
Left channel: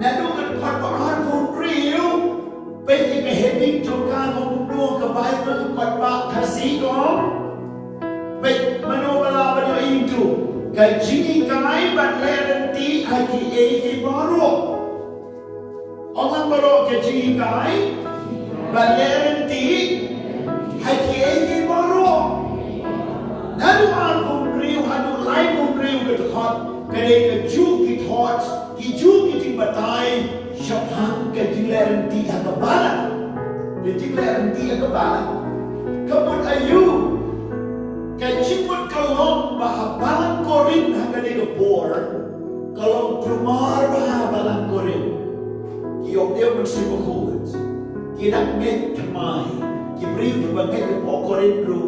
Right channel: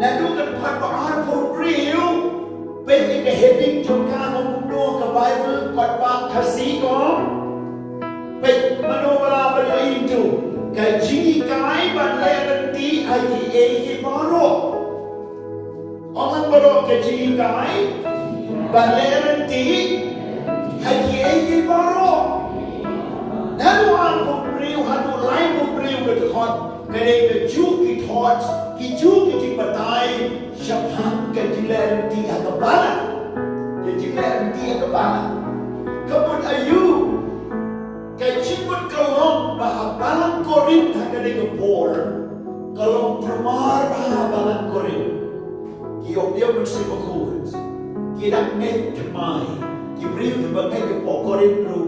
na dukan pat ar for real bet ke heading jongka KUMNO ka Bible pat pa kasi ko. Baik, manobala pa nyo ito. Kay jingshakri ban lynti IKTIAT baro. Orang baro kay jingshakri ban lynti IKTIAT baro. Nalu ang kumriw, hadu lai kumriw ketukot. Kaya kejuk kitot, kijuk kiting batay, syaphan kay lynti agabalan. Kay lynti agabalan. Kapun ayu, kay cimut kalong baha balang korin hagani kepor, kalong kelumar baha balang korin. Kiyok dia mesti berkuat. Kidak net kemai, kibriu kebangai kepok korin ru,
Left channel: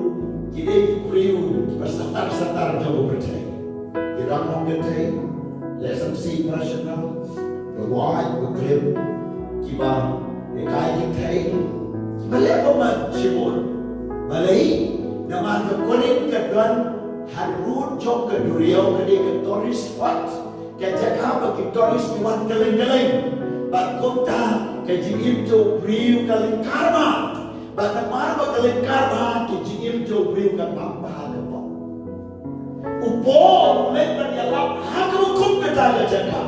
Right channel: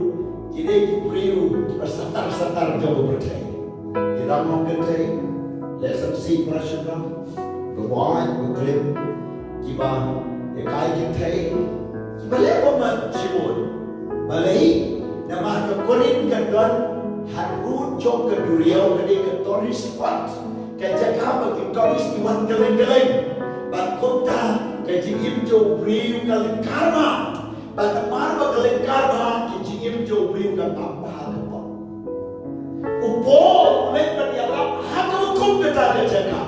kidai kibriu bersatar-satar jauh bertai. Kidak Kynthei, lesson si nasional, berwawai berklaim, kiba ekai Kynthei, kiba lepas cimut, malai. Nama kekorin kedon harut jong keduriau kedi ke toris wat ke jaga bagi toris diwan geleng-geleng bat kota ke jingim jo briu kaleng karma bat mar ba kaleng karma ke jingim jo briu ka tambah ke po upo ulet Nongialap haka hukum kita ke jaga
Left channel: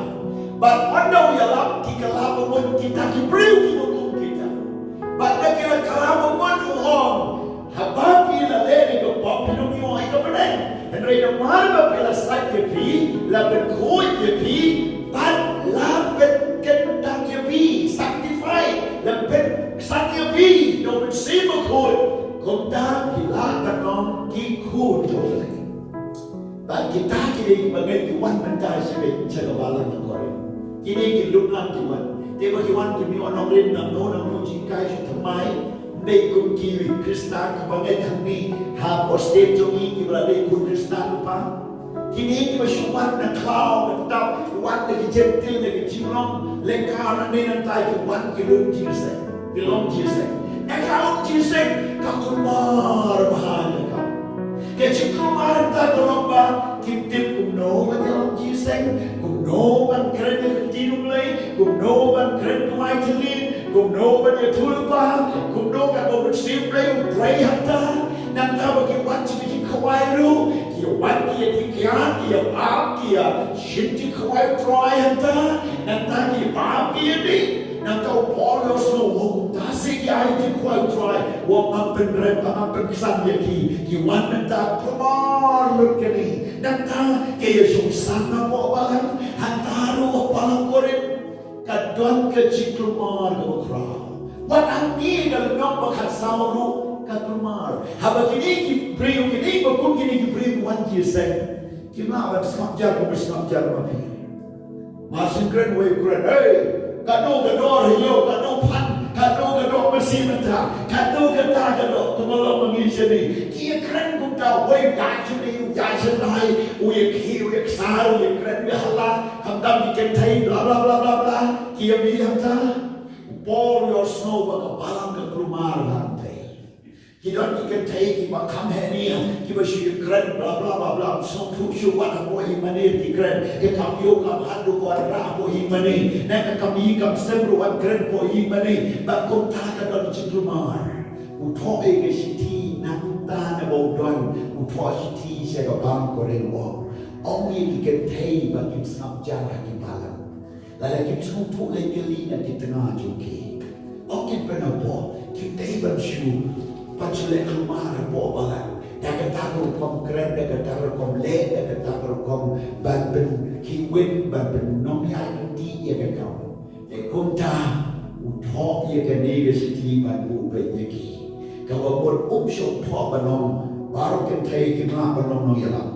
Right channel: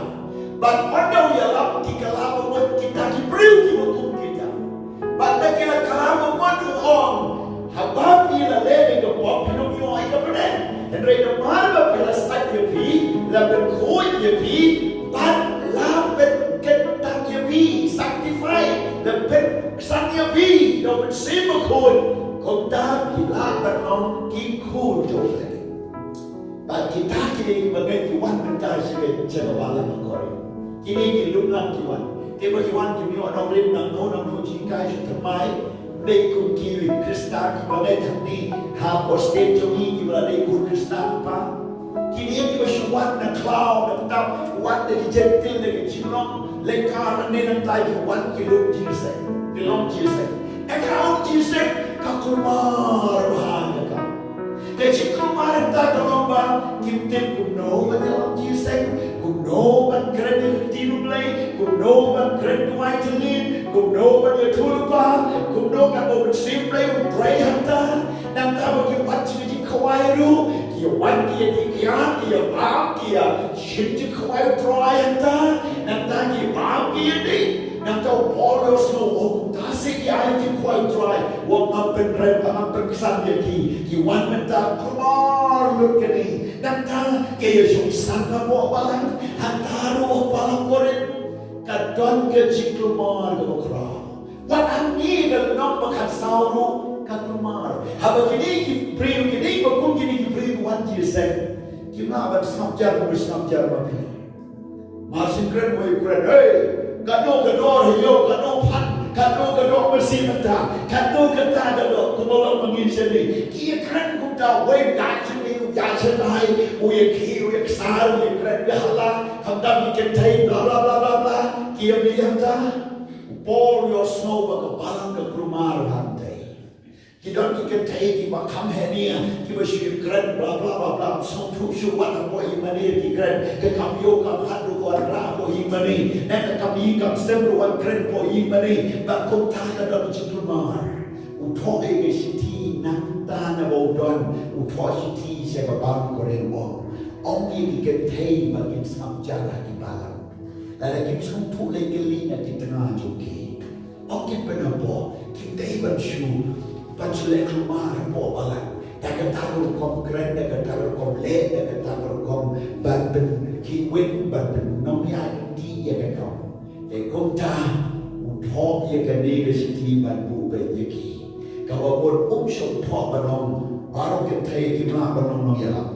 bat wanda Nongialap dikalap mun kita ki briu ki hukum kita bat nakila kalap mun on habab ila lele ke pop minum yo ai ka benen Henry na marba pela sakye pi la ben khoi ye pi bat la ben ketang ye pi sanctify la ben sang ye pi do ben sima khoi konta ki la tanong ki khoi jo le bat kita ki bagai ki wan ben ta sibe jaga balang ngore kini ki luk nang ki wan te ba ki wan ki mi onong rim nang no jingkai thamai Đây cũng kiri Kristen Bagai thằng đi hapoh state jongi Kibra đây kun Kristen pa Kini kiba syuat na cloud na tap Wat na kijentil na kichilong Lekara na nantay Kiwan kilong jisek Kilong jisek Ekalong jisek Kakumar bahaya ka Kaya cikumar entah kalau ba Kim KUMNO Nongialap jisek KUMNO ban kren U Blei KUMNO ban kren Mawmihthied KUMNO ban tulpa KUMNO kan bo bersih Blei Blei hanta Nang tahu kiwan cik kawai ru Kiwan kia dikian Kia bab kia Shinji kawai troy hanta Nang tahu kia bab kia di Nang tahu Paul Yoslo Hukum tasik kia Kia kawai troy Wang mampen rem Mampen kesan dia Kiwan mentah keluar lukani Nang tahu Kia sungsan na buat balang Hantaru balang korin Kadon kecik keluar ke bakra Wat angin kalau nak bakat sauru Keluar Haba kini kibriu kini Bakun kini kibriu wan jisen Kina aban sengajar Bersengajar mapi Masin keren way keren Hey Kado hiyo Kado pan Kado bersih mentah Kado Kemalong mengisini Kia keren kumta Way gajini Gajenai Uya ki Uya kesar Uya keren Uya halah Hamdam Kynthei Bla bla bla bla bla Kia bihanta Paul your snow Baka balang ke krumar hantai Kidon Kynthei Kiba kam henia Kiba syu keren Bla bla bla bla Song tu syu wat Hapoh himani Ki keren Ke kam yo kam hadu Ko arra Hapoh himani Nek kam yi kam semru Wan keren Hapoh himani Bak kum ta kadon cikrumar Uthok ege siti Nang ta na bodon Uthok siti Siaga bang koren wong Ongi Kynthei Bagi snap jarah Ki balang Lala kim sung tu legeli Na di tengah joki Ongi penapo Kynthei ban syu Pansulek rumah Hapoh balang Daga taruh kom keren Daga taruh kom le Daga taruh kom Ban ben kiwin Ban ben Nongialap Lynti Ya kekau Dekum ta Uthok ya kanega siti Ban bu ben yaki Kau pun syok thok banong Baru Kynthei Kina banong Nongialap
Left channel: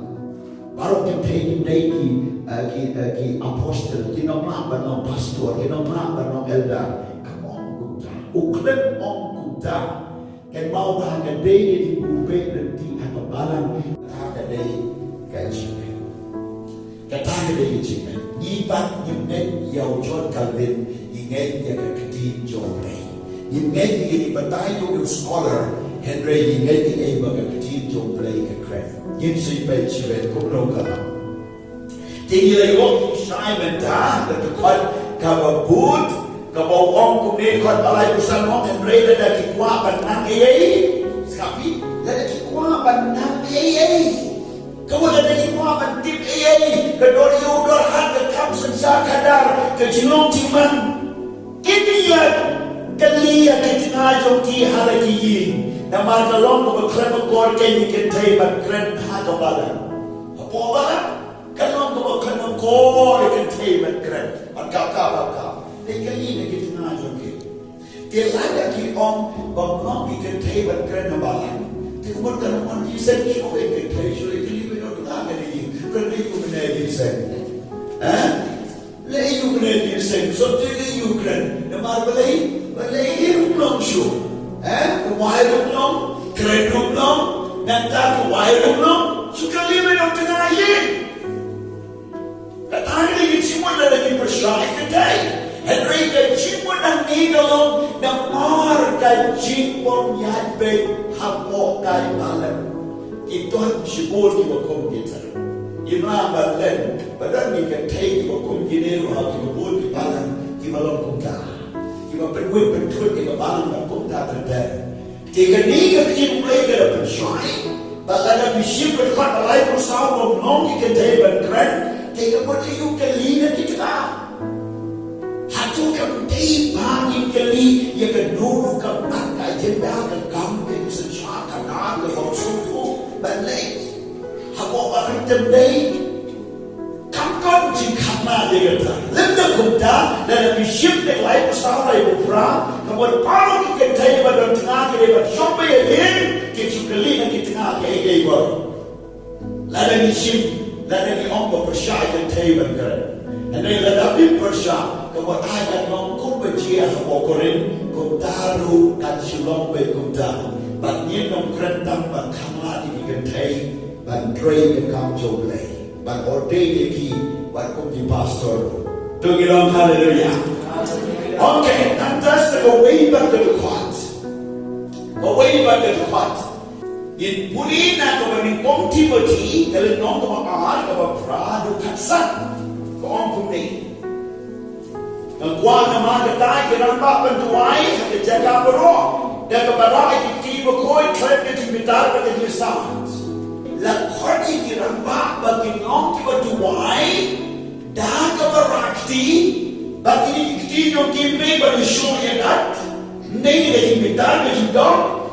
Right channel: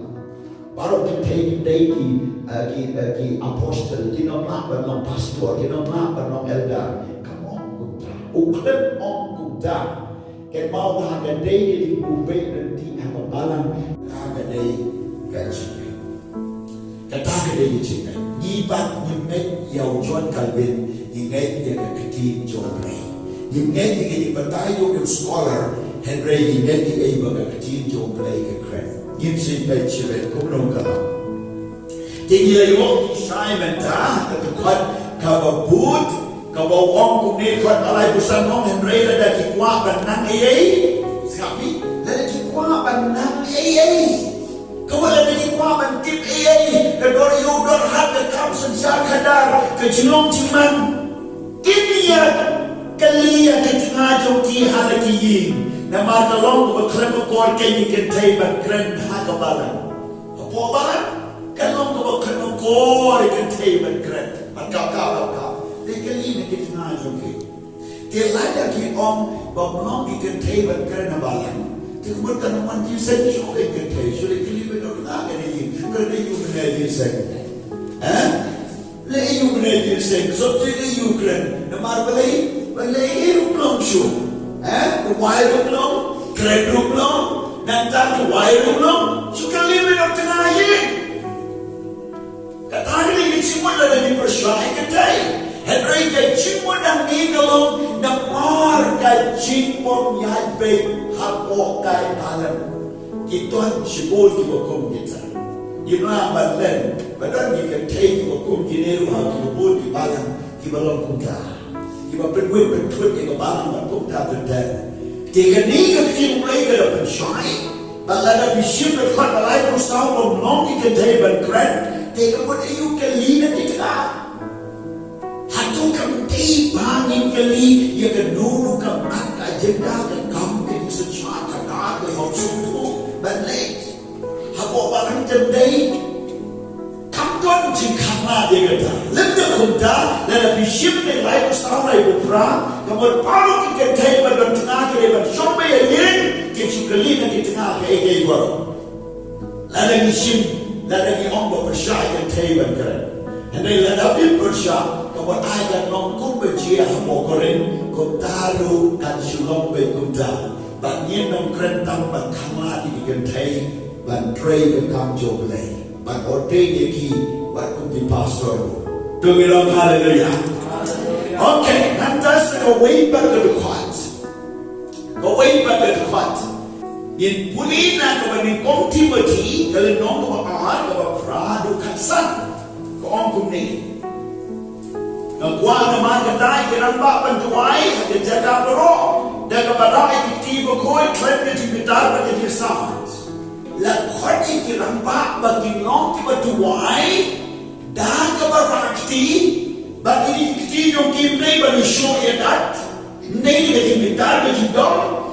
Baru Kynthei ki apostel Ki nonglap banong pastor Ki nonglap banong elder Kamong kumta Uklep ong kumta Kan mau Haka day di U Blei Lynti apa balang Haka day kan sini. Kata Haka day sini. Nyibat nyimnet yau John Calvin nyinget ya keketi JONG. Nyimnet ni batayo yung scholar Henry nyinget ni iba keketi JONG ke kren. Nyimsi pe chibet KUMNO kalam. Tinggi yung syiem ta ketukot kababut Kau orang kumne kuat alai busan Nong Henry lada kikuah banang ayai Sekapi lada kikuah banang ayai Kau lada kikuah bantip ayai Kedor yudor hat kekam sensar kadar Kejilong ciman Kini ya Kali ya ketengah joki Haka Jing Nama kalong berklem kor Kini Kynthei ban kren Haka balang Hapoh balang Kalong berklem kor Kynthei ban kren Kata Tekali na kitna joki. Telada ki om Bamlong ki Kynthei ban kren balang. Tikumut kanaman di sen shoke Kynthei. Shule kili beno kena gani. Kerana you kena di sen. Le you kena di sen. So tiga you kren. Namar balai rumlong shu. Wai rumlong, kren rumlong. Nanta tu wai rumlong. Shukali beno kena ye. Katari ni cimut lada ni persyai Kynthei. Henry kecimut ang nigalong na mar kajing pom yadbay hapoh kay malam. Ituan sibol ki wakum kita. Ina balen badan ki Kynthei ki wakum gineru ha ki bol ki balang ki balong kumta. Ki penwit pentut ki balang ba kumta tender. Tiga ni kecim mulai ke pensyai. Balana bisip dekat balai pusat Nong ki Kynthei ban kren. Tiga pun ayu kelina kita. Hatu Kynthei banyak kali ya kenunu kemat agenda kekamping secara kadar kehorsun tu balik hapoh barang tendai kamton jingshakri dia kata lenda kumta dan bisip yang lain besar lain bufra kemudian paru Kynthei pada tengah ke depan sampai yang kecukali nanti tengah ke ego lada bisip lada ni ombo persyai Kynthei bangkar. Hendak lada bim persyai buat ayat long kum berjia hapoh kren kum taru kan silong be kum ta bat nhiên nong kren tam bat kama di Kynthei ban pray ke kam U Blei ban ordain ye ki bat kum di pastor tungirang haleluya. Okay, nanti go way back to the court. Go way back to the court. In Pulina, go in Kong Timothy, kalau nong go ahad, go pradu katsan, go on kumni. Ang kuang naman katay, kinamba pantuay, at jaga pero, daga baray kitibo ko, klep na tibitar pa kaya sa. Lakot ikinamba, baging nong tibattuay, daga barakti, baging ikinong kimay, baging show yadat, hindi na tibitar pa kaya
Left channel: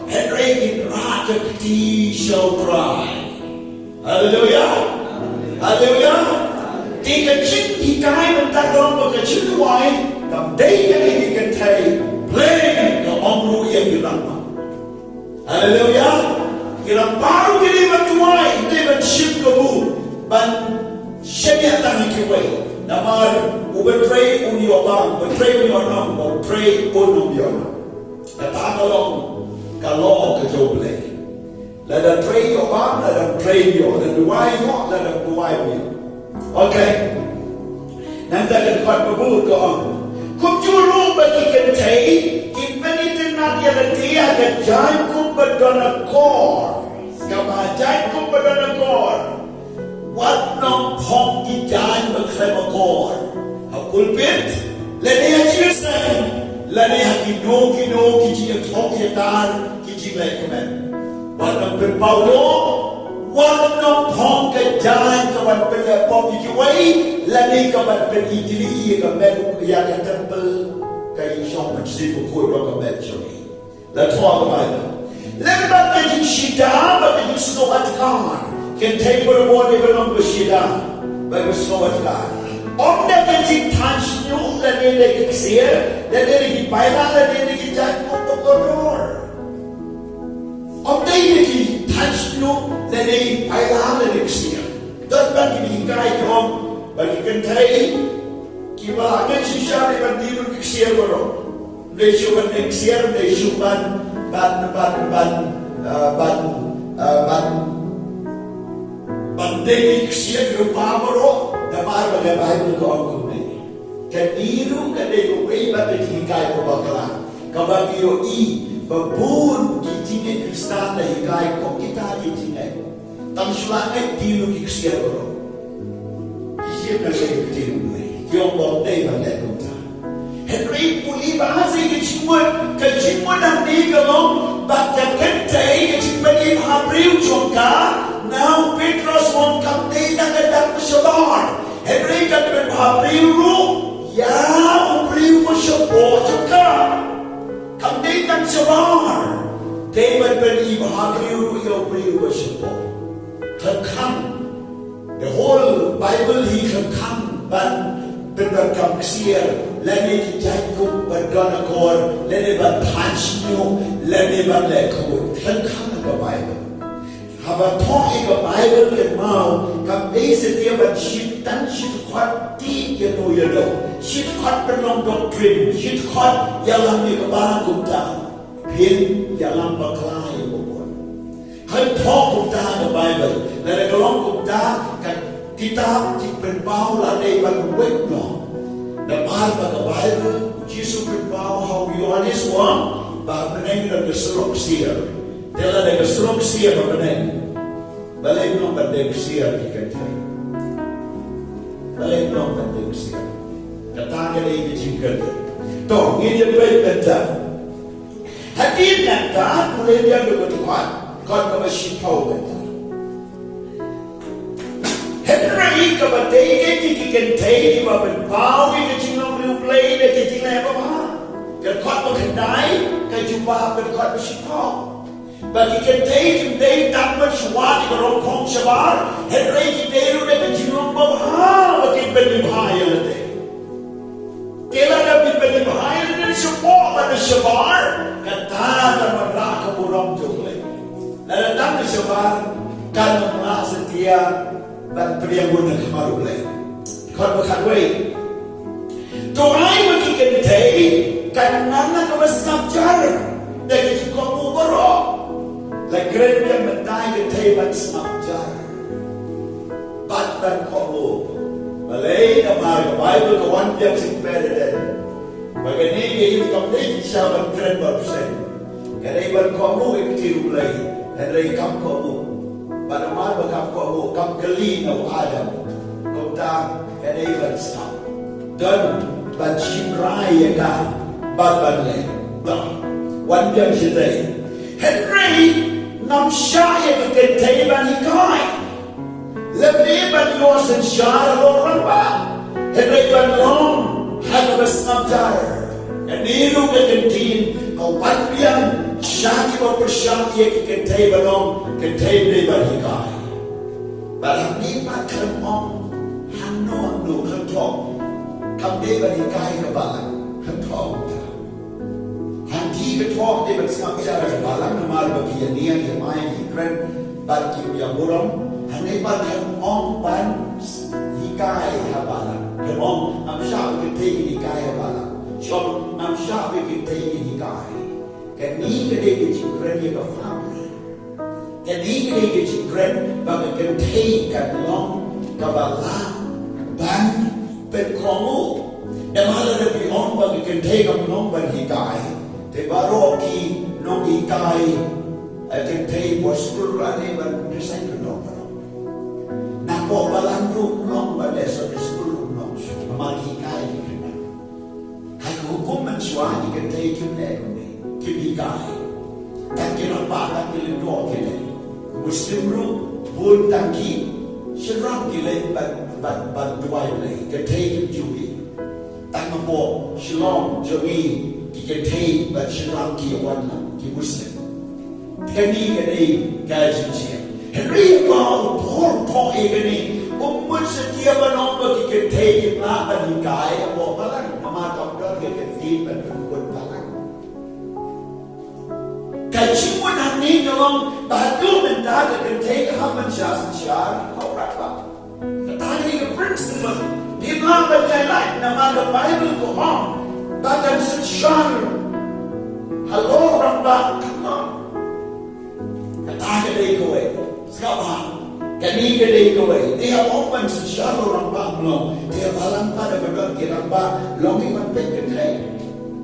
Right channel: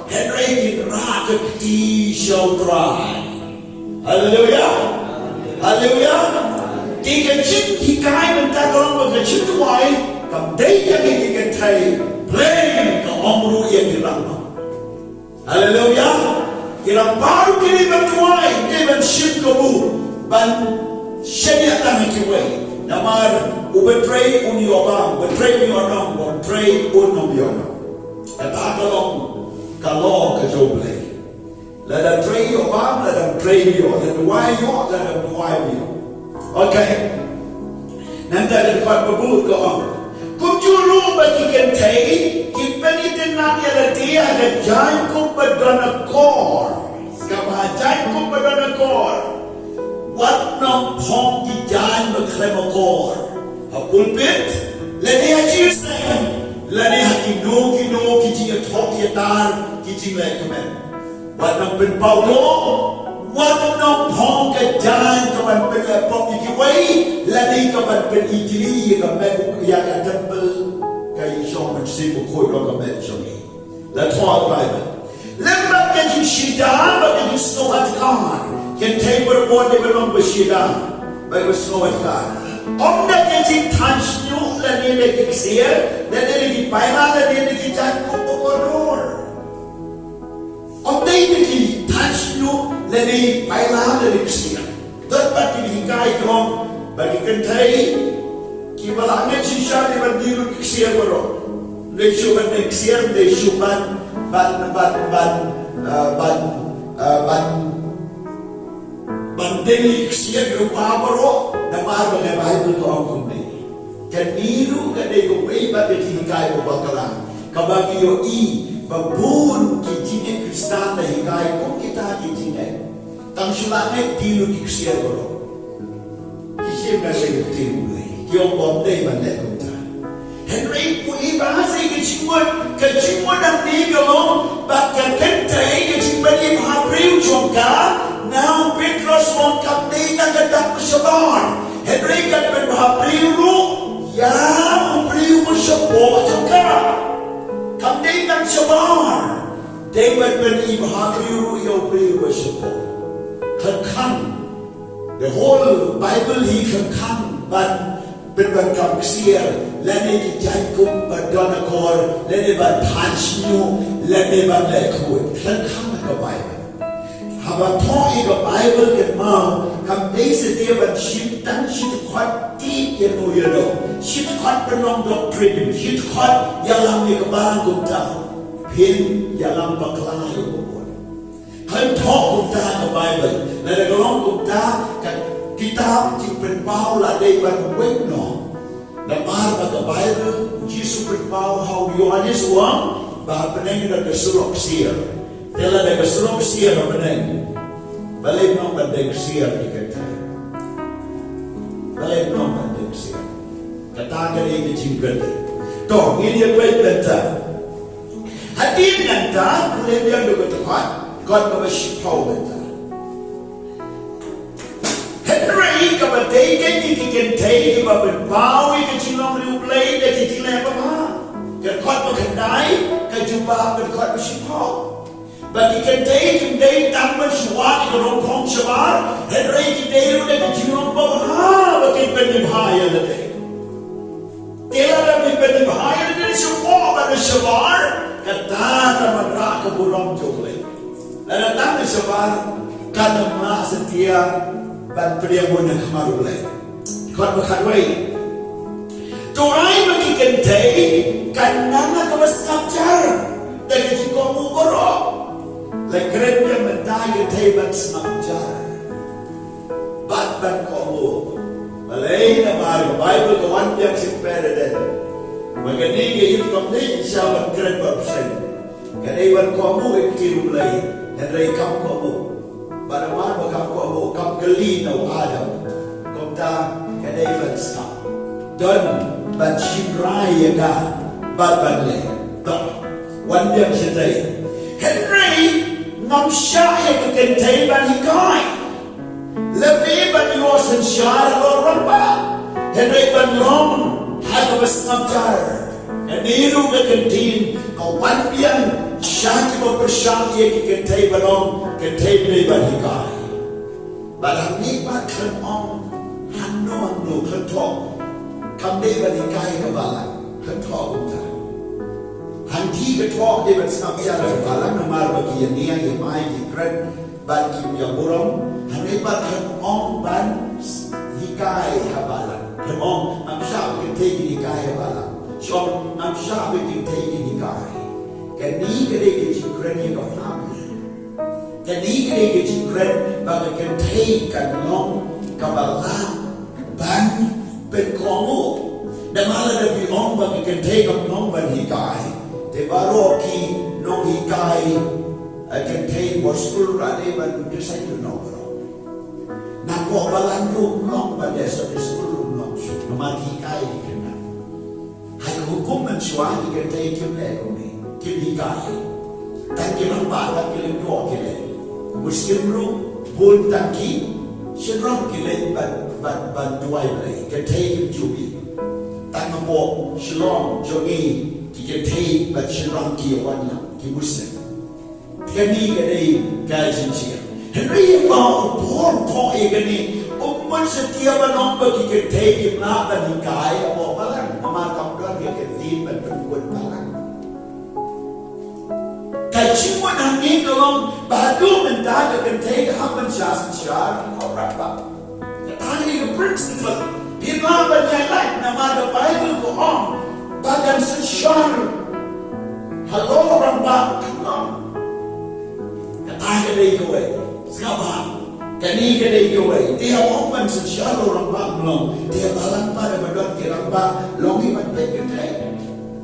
Henry Rakati shall cry. Hallelujah. Hallelujah. He can chip, he kind of tag on with the chip wine. Come day again, he can tell playing the omru yagirama. Hallelujah. In a bar, we live to wine, live and ship kabu, but Shemiatan away. Namar, who betray on your arm, betray your arm, betray on your arm. At Akalong. Kalau ke U Blei, let them pray your arm, let them pray your, let them why your, let them why me. Okay. Nanti ada kuat berburu ke orang. Kum juru bagi Kynthei, kipeni tenang ya lagi ada jangan kum berdana kor, kabar jangan kum berdana kor. Wat nak pom di jangan berkrema kor. Hapulpit, lagi haji sen. Lani haki no kiji atok yatar kiji lekemen. Wadang penpau do, wadang pong kejalan kawan penlepop ikiway, lani kawan penitili kawan yang tempel kay Shong Sibu Koi Rokamet Shoni. Let's talk about it. Let me get you shida, but you snow at car. Can take what a boy belong with shida, but with snow at car. Om dah jadi tansnu, lagi lagi ksir, lagi payah, lagi jatuh kordor. Om dah jadi tansnu, lagi payah, lagi ksir. Dapat dihikai om bagi Kynthei, kibalangan syah di bandiru ksir bro. Lesu ban ksir, lesu ban bandeli ksir rupa bro. Namar bagai Bible ko ang kumni. Kaniru kadayo way ba hikay ko bakalan. Kabagi yo babun kitine Kristan na hikay ko kita kitine. Tang sulangit dilo kiksiya ko. Kisip na sa kitine. Kiyong bomday banday kumta. Henry puli bahasa kecimut ang nigalong bakal Kynthei kecimut im habriu jongka. Now Petros won't come day na gadak mo siya Henry kan berhabriu ya ubriu mo siya po ka. Come day na siya David ben ibhabriu ya ubriu mo siya po. Kan the whole Bible he kan ban berkam ksier lani kijay kum berdonakor lani ban tansnyu lani ban lekut kan ka Bible. Haba talk in the Bible kan mau kam desa dia ban shit dan shit kuat ti ya no ya do shit kuat penong doctrine shit kuat yang lam ni kebalang kumta pin yang lam bakla ya buat kan talk kumta the Bible la galong kumta kan kitab ti penpau la dei ban wetno the Bible Jesus penpau how you honest one ba peneng da kesurok sia Tela da kesurok sia ba peneng balik nong bandeng sia di Kynthei balik nong bandeng sia kata kali ini jingkali toh ini dia baik benta hadir nanta boleh dia dulu tuan kon kemasipau benta Henry kabadai kan di Kynthei di babenpau di jinglong U Blei di jinglong apa kan kon berkendai kan jumpa kan kon masipau bagi Kynthei Kynthei tanpa suat di rompong sebar Henry Kynthei udah jinglong apa bagi penibhaya lede kela dah penibhaya lede semua pada sebar kata mereka keburang U Blei lalu datang di sebar kan merasa setia dan pria guna kemaru Blei. Kau berkatway. Doai bagi Kynthei kanana ka mas ngapjar dari jikomu borok. La kren dia mendai Kynthei mas ngapjar. Bat ban komu. Malay na mahal Bible ka one yang simpere den. Magani yung kamday siya ban kren barsen. Kanay ban komu U Blei Henry kam komu. Pada mahal kam komu kam gelino Adam. Komta kanay ban stop. Don ban shimrai ka bat ban le. One yang siya Henry ngam siya ka Kynthei ban hikay. Lebih ban yosan syar orang ba. Henry ban long haka mas ngapjar. Naniru ka kyntien kawan biang syaki mo persyang iya ki Kynthei balong Kynthei ni ban hikay. Barang ni ba kan ong hanong no kan thong. Kam ni ban hikay ka balang kan thong ta. Hanti ka thong ni ban ngapjar ka balang namal bagi Nehemiah ki kren ban kim yang burong. Hanay ba kan ong ban hikay habalan. Kan ong ang syah Kynthei hikay habalan. So ang syah Kynthei hikay. Kani kade ke chikren ye ka family. Kani kade ke chikren ba Kynthei kan long kabalang ban pen komu. Damala na pi ong ba Kynthei kan long ban hikay. Te baro ki nong hikay Kynthei poskul rani ban desain no. Nako balang nong ba desa diskul nong amagi kai di kena. Hai hukum mensuah di Kynthei kimne kumi kim hikay. Tak kira ba tak kira do kile. Muslim ru pun tangki sedang kile ban duai lei Kynthei jubi. Tak mampu shalom jongi ki Kynthei ban sedang ki wan ki Muslim. Kani kani kai jinsia. Henry mau pun kau ini umat setiap orang bagi Kynthei kimna ban hikay abo balang nama kamdar ke Kynthei ban buat balang. Kajian ini kalau bahagia mendadak Kynthei hamban syah apa? Tadi ke principle di mana JANAI nama Bible ko on bagan syah halo orang bak kata dia kowe. Sekarang, kani kedai kawai, dia open sejauh orang banglo, dia balang pada badan kirang ba, longi man peketay,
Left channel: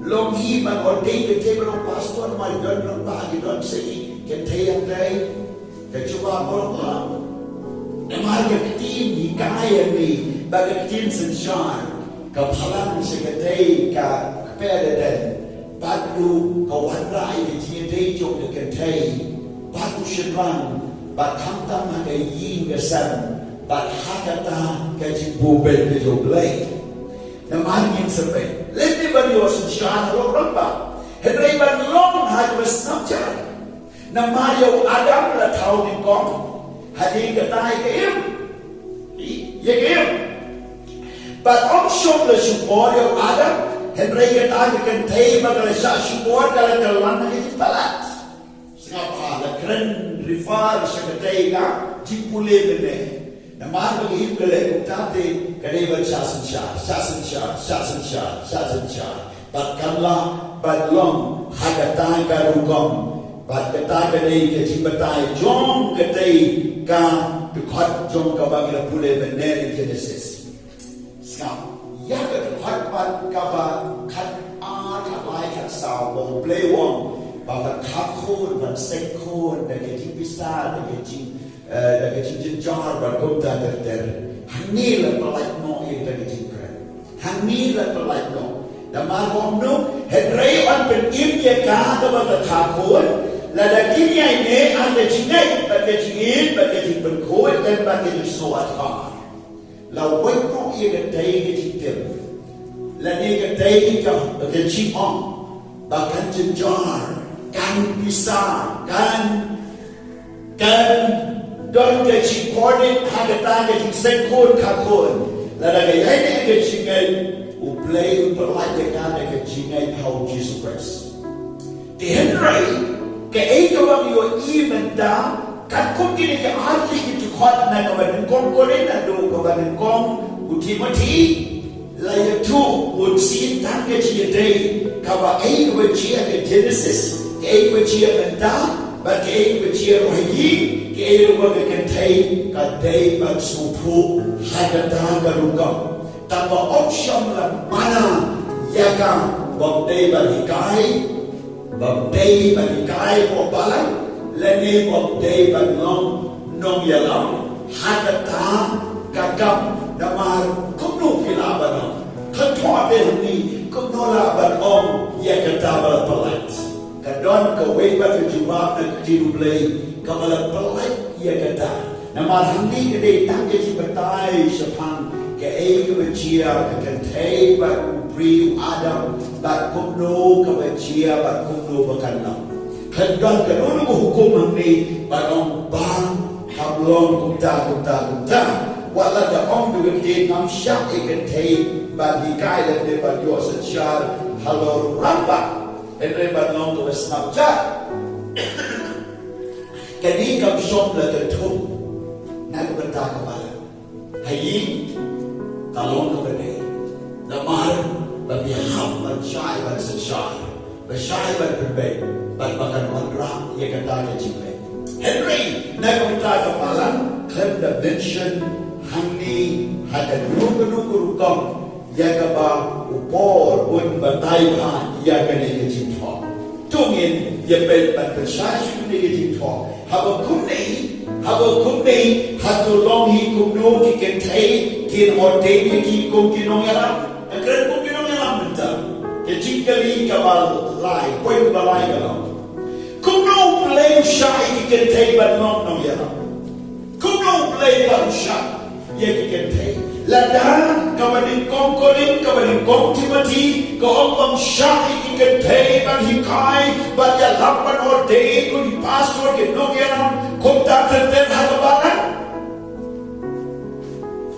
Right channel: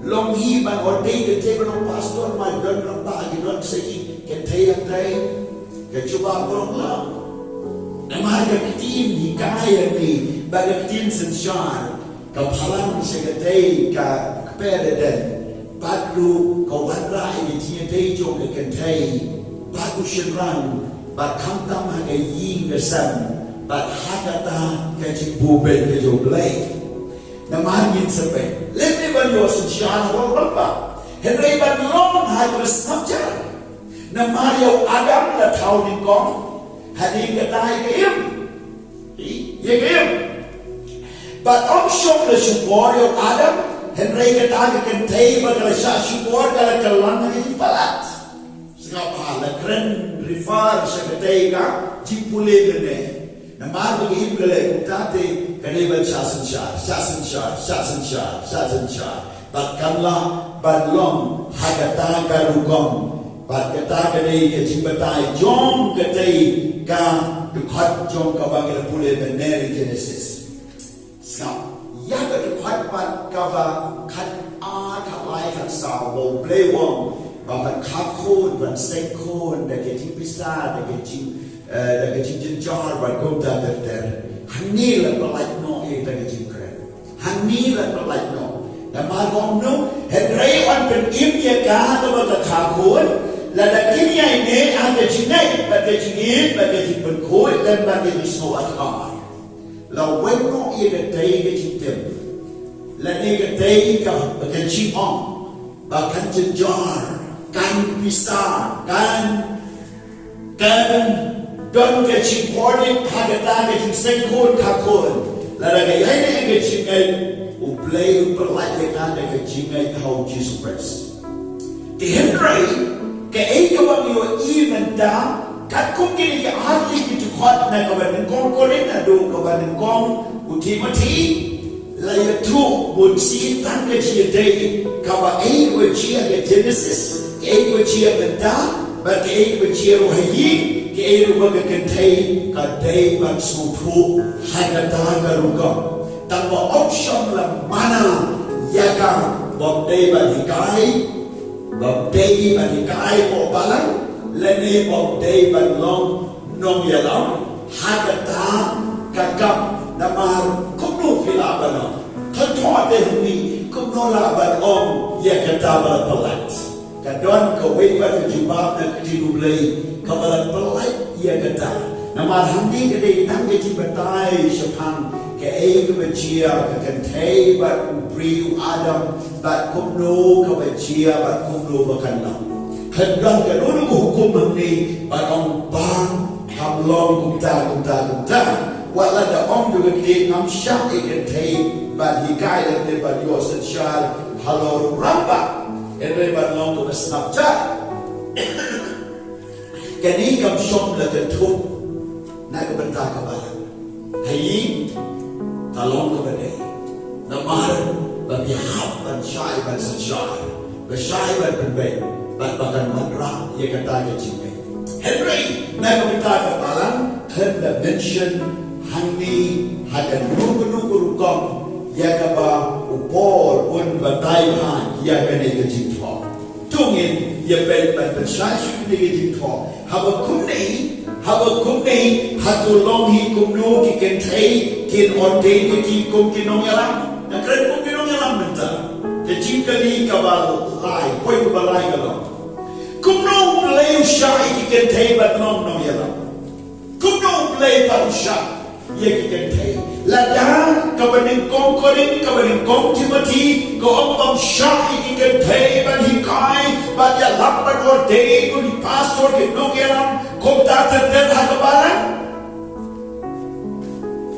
longi man ordei Kynthei orang pastor, my girl orang ba, di don segi Kynthei yang day, kecuba orang lang, nama kyntien hikay ni, baga kyntien sejauh, kapalang seketay ka kepededen, baru kawan rai di Kynthei jong Kynthei, baru syirang. Bat kamtam haka yin kesan, bat hakata kaji bubel ke U Blei. Nama yin sampai. Lebih banyak sejarah orang ba. Henry ban long haka snapjar. Nama yau Adam la tahu ni kong. Hadi katai ke im. Ye ke im. Bat om syok le syukor yau Adam. Henry katai ke Kynthei bagala syah syukor kala kalan ni palat. Ngapa la kren rifar seketay ka jipule bene namar bagi imbele kutate kaneba syah batkanla badlong hagata garugom batkata kanei ke jibatai jong katei ka dukhat jong ka bagila pule bene Genesis sam ya ka dukhat pat kaba khat a khalai khat sa wo play wong babat kapkun, ban sekun, daging pisah, daging jar, ban gomda ter. Hangi la pelai no daging kren. Hangi la pelai no. Nama KUMNO, Henry on pen imya ka babat kapkun, la daging ini ada jinai, daging penkun dan daging soat kamar. La weno daging tem. La daging ka daging on, bahkan jar. Kan bisa kan don ke recording hagata ke senkon kakon la ga yai ke jingai U Blei pelai ke jingai how Jesus Christ ke Henry ke ka ba yo even da kat kum kini ke ahli ki khot na ka ban kong korena do ka ban kong u Timothy Laya tu bun si tan ke chia day kaba ai ke chia ke Genesis ke ai ke chia benda ba ke ai ke chia rohayi ke ai ru ke Kynthei ka day ba suthu hagata garukam tanpa option la mana yaga bob day ba hikai ko balang lene bob day ba long nongialam hagata kakap namar KUMNO filabano Tatote ni KUMNO laban om yakata balat kadon ka weba ke jubab na U Blei ka balat pelat yakata namar handi ke dei tang ke jibatai syapang ke ai ke bajia ke Kynthei ba ubri Adam ba KUMNO ke bajia ba KUMNO bakanna kadon ka lulu hukum ni ba om bang hamlong kumta wala da om du ke nam SHAH Kynthei ba hikai le ba yo SHAH halo ramba endre ba long to Snapchat kani kam shop la ke thu na ke banta ka ba hayi talong ka ba dei na mar ba bi hab ba SHAH ba SHAH ba SHAH ba be ba kan man ra ye ka ta ke chim be Henry na ke banta ka ba lan kan da mention Handi hada nuku-nuku-rukam yakaba upor un batai pa yakane kejingtho tungin yabel ban persasyu ni kejingtho habakunni hatu longhi KUMNO ki Kynthei kin ordain ki kum ki Nongialap nakren kum ki Nongialap minta kejingkali kabal lai poin balai galam KUMNO Blei SHAH ki Kynthei ban Nongialap KUMNO Blei ban SHAH ye Kynthei ladan kabaning kong Timothy ko om SHAH ki Kynthei ban hikai ban ya lapan ordain ko di pastor ke Nongialap kota terten hakabalan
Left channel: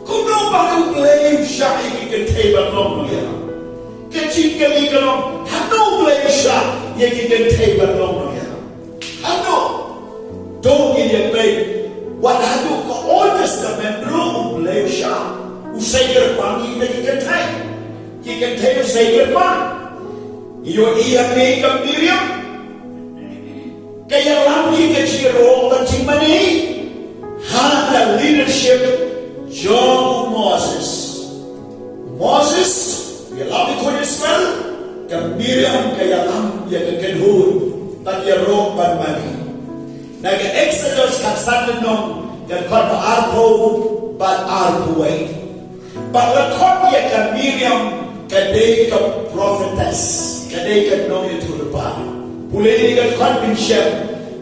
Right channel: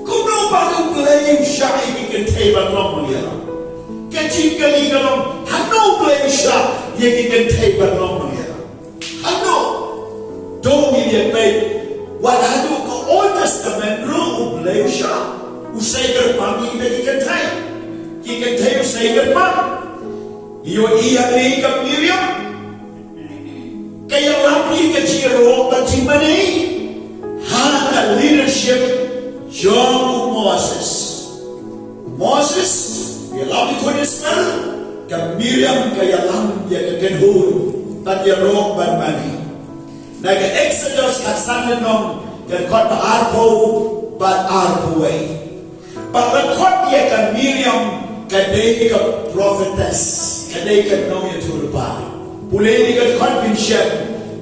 KUMNO ban Blei SHAH ki Kynthei ban Nongialap kecil kali kalom hano Blei SHAH ye ki Kynthei ban Nongialap hano dong ini baik wadadu ke Old Testament U Blei SHAH usai gerpang kita ki Kynthei usai gerpang iyo iya ni ke Miriam kaya lambi ke Ciro bacimani hana leadership JONG Moses ya lambi ko Israel ke Miriam kaya lambi ke Kenhur tak ya rok ban mani naga Exodus haksan nong kan kot ba arpo ba arpoe ba kot ya kan Miriam kan dei ka prophetess kan dei kan nong itu lepa pulei kan kot bin syem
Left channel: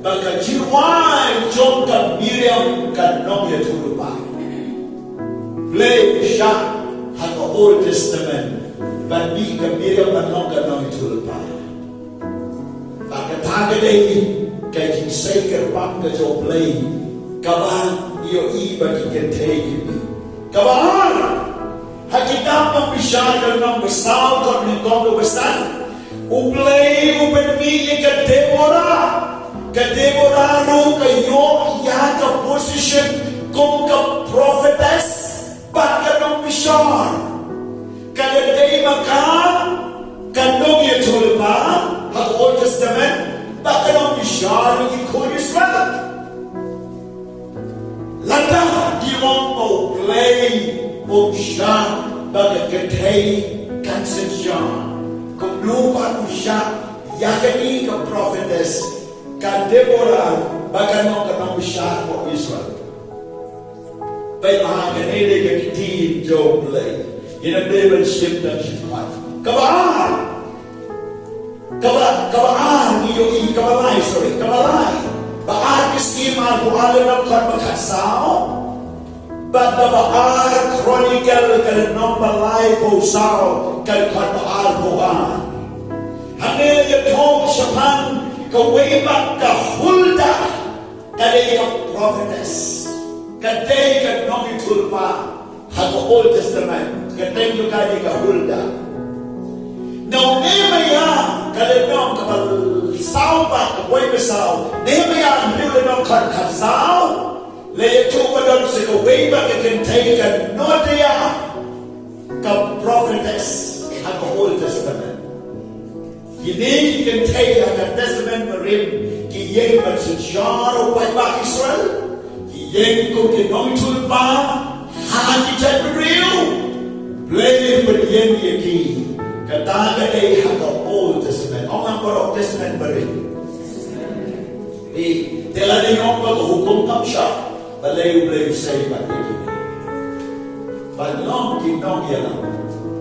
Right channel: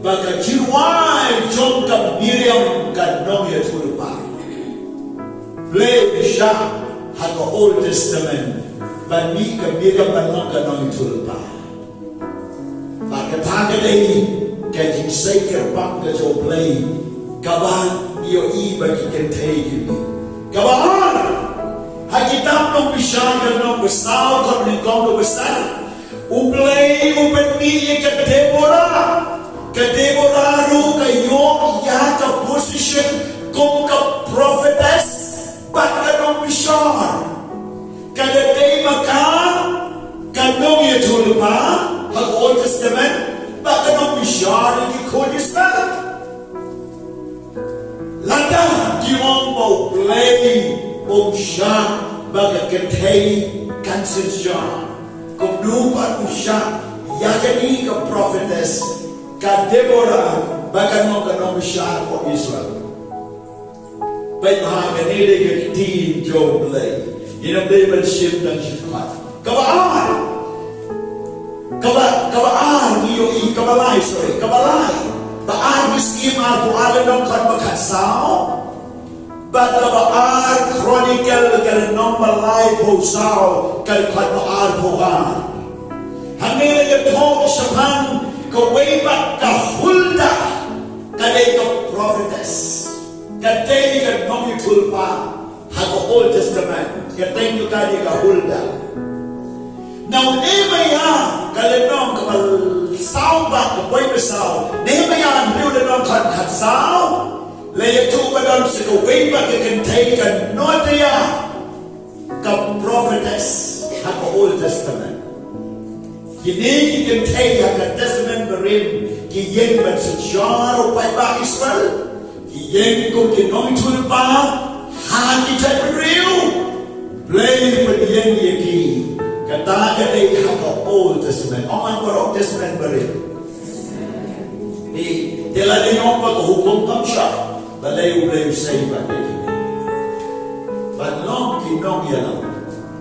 ba ka jiwai jong kan Miriam kan nong itu lepa Blei SHAH haka Old Testament ba ni kan Miriam ba nong itu lepa ba ka ta dei kay jingsay kerbang ke U Blei KABA iyo iba ki Kynthei gibi kabaan hakitam Nongbishar kan Nongbishar kan Nongbishar U Blei upetni ke Deborah ru kayo ya ka position kum ka prophetess bat ka Nongbishar kada day makan kan Nongialap ha Old Testament baka Nongbishar ki Israel lada di U Blei SHAH baka Kynthei kan SHAH KUMNO pan SHAH yakani ka prophetess ka Deborah baka Nongbishar ko Israel bai mahaganere ka kitin U Blei ina Bible ship dan shipmat kabaan kabalai baar miskin aku ada nam kan bakatsao bat baar chronicle kan nom balai posao kan baar pogan hanele ye thok shapan ka weba ka hulda kale ka prophetess kadai ka nomi tulpa ha Old Testament kadai ka hulda now Nehemiah kalenong kapal sao ba kapoy besao Nehemiah ang niulanong kan sao layato ba doon sa kaway ba Kynthei kan notiya ka prophet Old Testament. Kini Kynthei Haka Testament berim ki yeng ban sejarah upai ba Israel. Ki yeng ko ki nong tul ba ha ki tat real. Blei ban yeng ye ki kata Kynthei Haka Old Testament. Orang Old Testament berim. Ni telah nong ba ko hukum kapsha. Balai U Blei say ba ni. Balang ki Nongialap.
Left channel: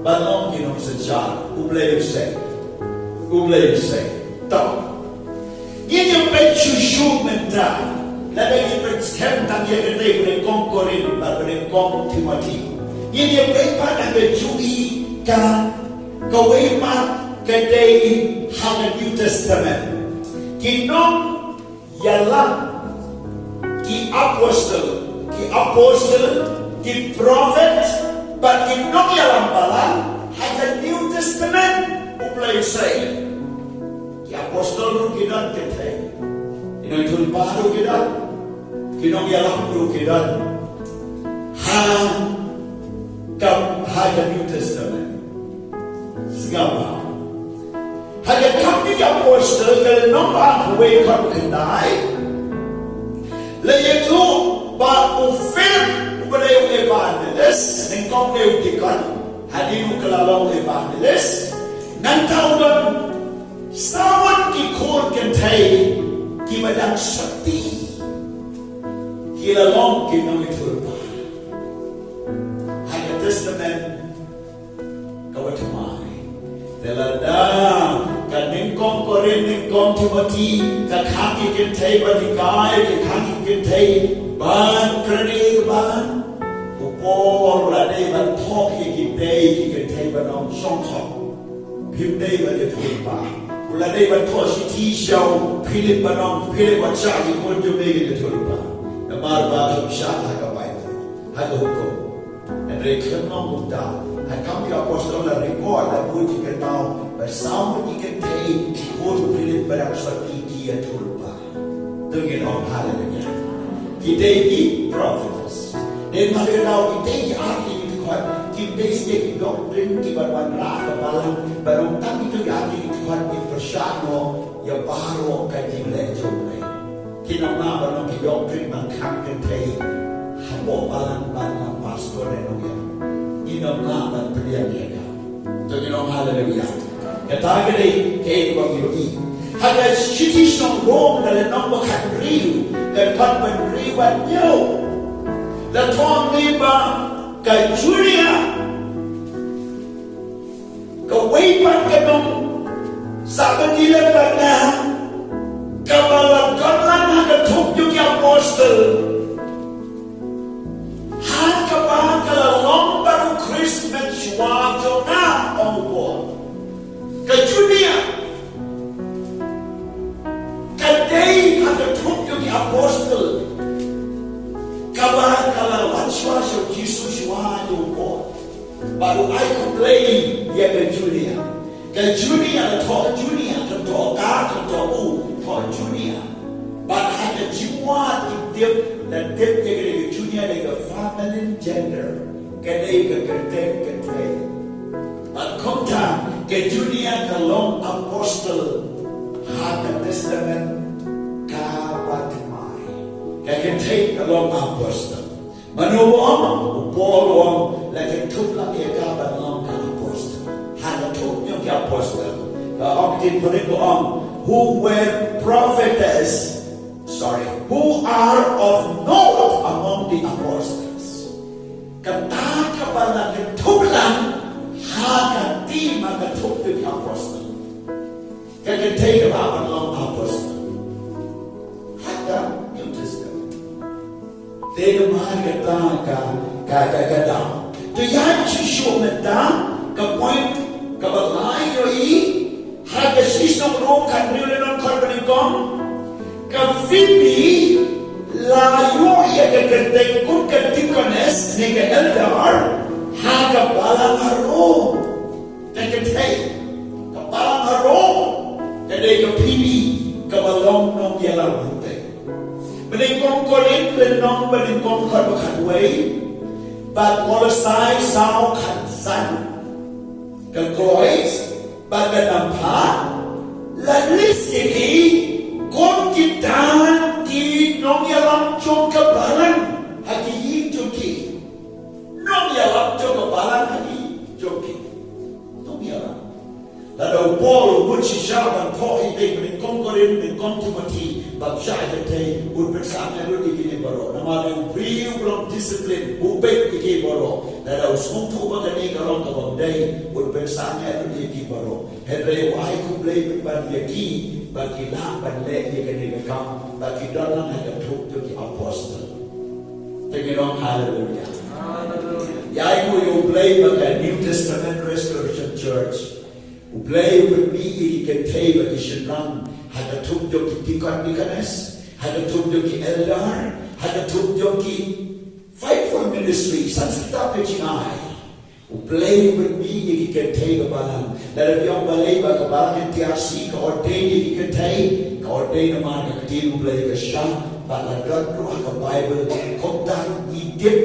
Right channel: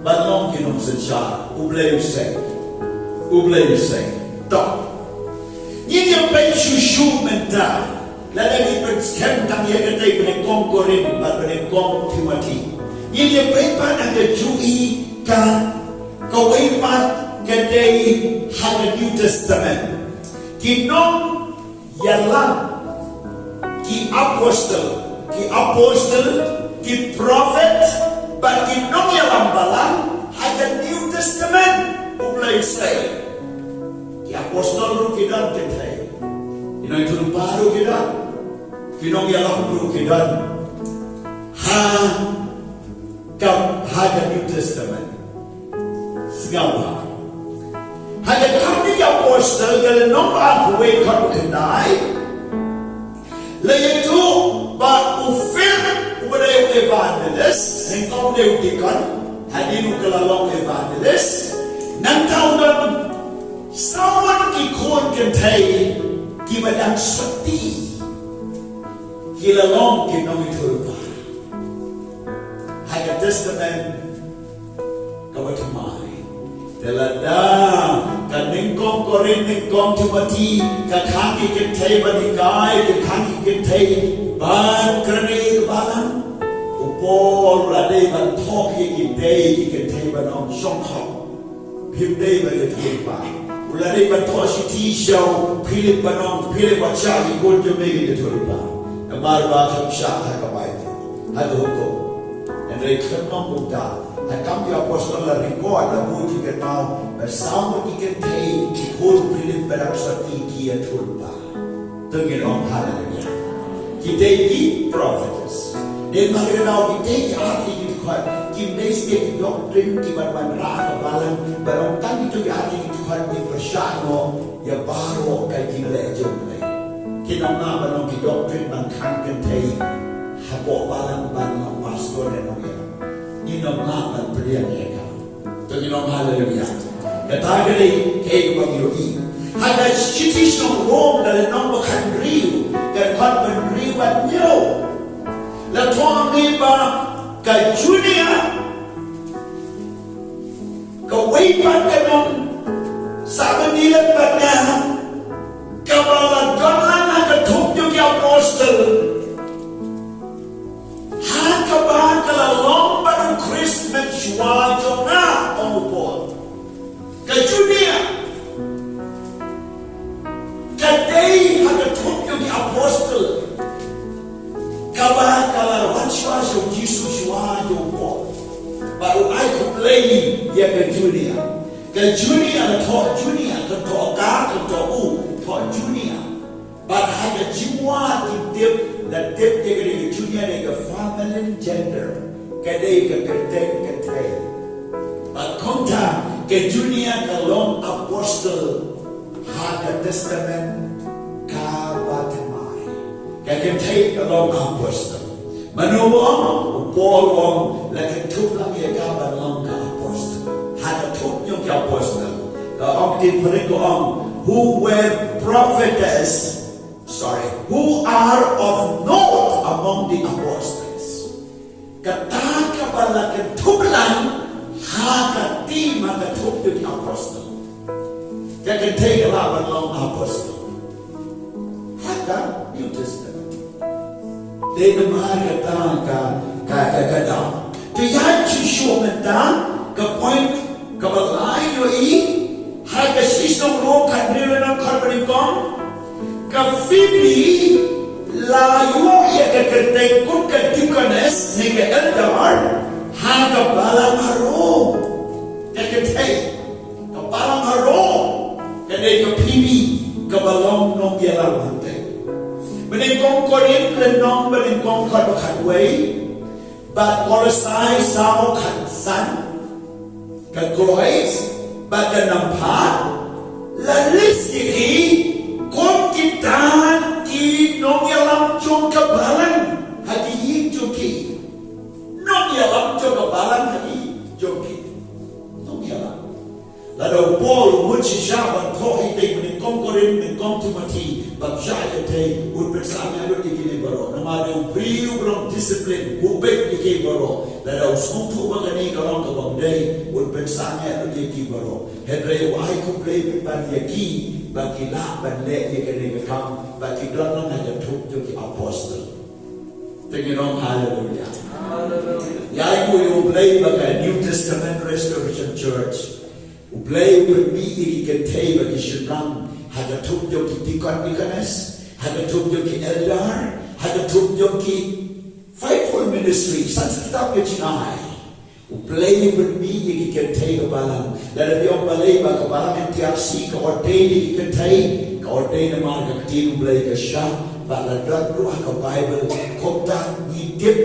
Balang ki nong sejarah. U Blei say. U Blei say, tak. Ini yang pencuci mentah. Lalu kita sekarang yang kita beri Khongkrom, beri Timothy. Ini yang berapa nak jui kan? Kau berapa kita Haka New Testament? Kinong yalang, ki apostle, ki prophet, but kinong yalang balang Haka New Testament. U Blei say, ki apostol ru kidan Kynthei, inoi tul baru kidan, Nongialap ru kidan, Haka New Testament, segala. Haka kami ki apostol kalau nombak huwei kau kendai, lalu tu ba ufil ubereu evangelis, nengkau leudikan, hadiru kelalong evangelis. Nang tahu dan sawan ki kon Kynthei ki badang sakti ki lalong ki nong iturpa Haka Testament kawatumai telada kaning Khongkrom ningkong Timothy kakaki Kynthei banikai kakaki Kynthei ban kreni balang upol radai ban thok ki Kynthei banong songkhok Him day by the paper. Ula day by Toshi show, Philip Banong, Philip Wachaji, going to make it to Tulpa. The Marba of SHAH Haka Hukum. And they turn on Mukta. I come to Apostle record the book you can now, but somebody can take the whole Philip Banong Iki at Tulpa. Tungin on Hallelujah. He take the prophets. Then now he take the Kim basic doctrine ki ban ra ka balang barang kami tu ya di tuan di persano ya baru kai di JONG kinamna barang ki doctrine ban kan Kynthei hapoh balang ban pastor dan Nongialap kinamna ban beliau ya jadi nong haleluya kata gede ke bang yoi ada citi song rom dalam nombor kan riu dan kan ban riwan yo la tuan riba ka Junia ka waipan ka nung saban nila pa na kabalagkalan na katugyo ki apostol haka ba kalalong parang Christmas wajo na umupo ka Junia ka day haka tugyo ki apostol kaba kalalawan siya Jesus baru I complain ya ke Junia na talk Junia to talk God to talk Junia but Haka Jingwa dip na dip ke Junia na feminine gender kadai ke Kynthei but konta ke Junia kalong apostle Haka Testament KABA ke Kynthei kalong apostle Manuang, upolong, lagi tukang ia kabar long ka apostle. Hada tukang ki apostle. Ang tinperingoang, who were who are of note among the apostles. Kataka pala ketublang, haka ti makatukang ki apostle. Kaya Kynthei kabar long apostle. Haka New Testament. Dia kemarin kata down. Dia cuci menta ke point ke balai yoi haka sistem rom kan riulan korban ikon ke Phoebe layu ia ke Kynthei kun ke deaconess ni ke elder haka balang harum ke Kynthei ke balang harum ke Phoebe ke balong Nongialap Bening Khongkrom le nong bening Khongkrom bakhat wei, but Kolosai sao khat san, Kreuz, baga nampak, lalis diri, kon kita di Nongialap jong kebalang, hadi yin joki. Nongialap jong kebalang hadi joki. Nongialap. Lalu Paul mencisahkan Paul ini dengan Khongkrom dengan Timothy, bangsa kita bersama dengan kini baru. Nama dia beliau belum disiplin, ubek kini baru. Lalu semua mengenai kalau kau berdai bersama dengan kini baru. Henry U Blei berbagi bagi lah bandai dia kini kekam, bagi dalam ada tuh jadi apostle. Tengok haleluya. Ya U Blei bagi New Testament Restoration Church. U Blei berbagi Kynthei bagi syurang, ada tuh jadi deacon-deaconess, ada tuh jadi elder, ada tuh jadi faithful ministry, San Syrtap ke JANAI. U Blei berbagi Kynthei ke balang, lalu dia balai bagi balang yang TRC ke ordain di Kynthei, ke ordain nama ke kecil U Blei ke SHAH, bagi dot ruah ke Bible, kota hidup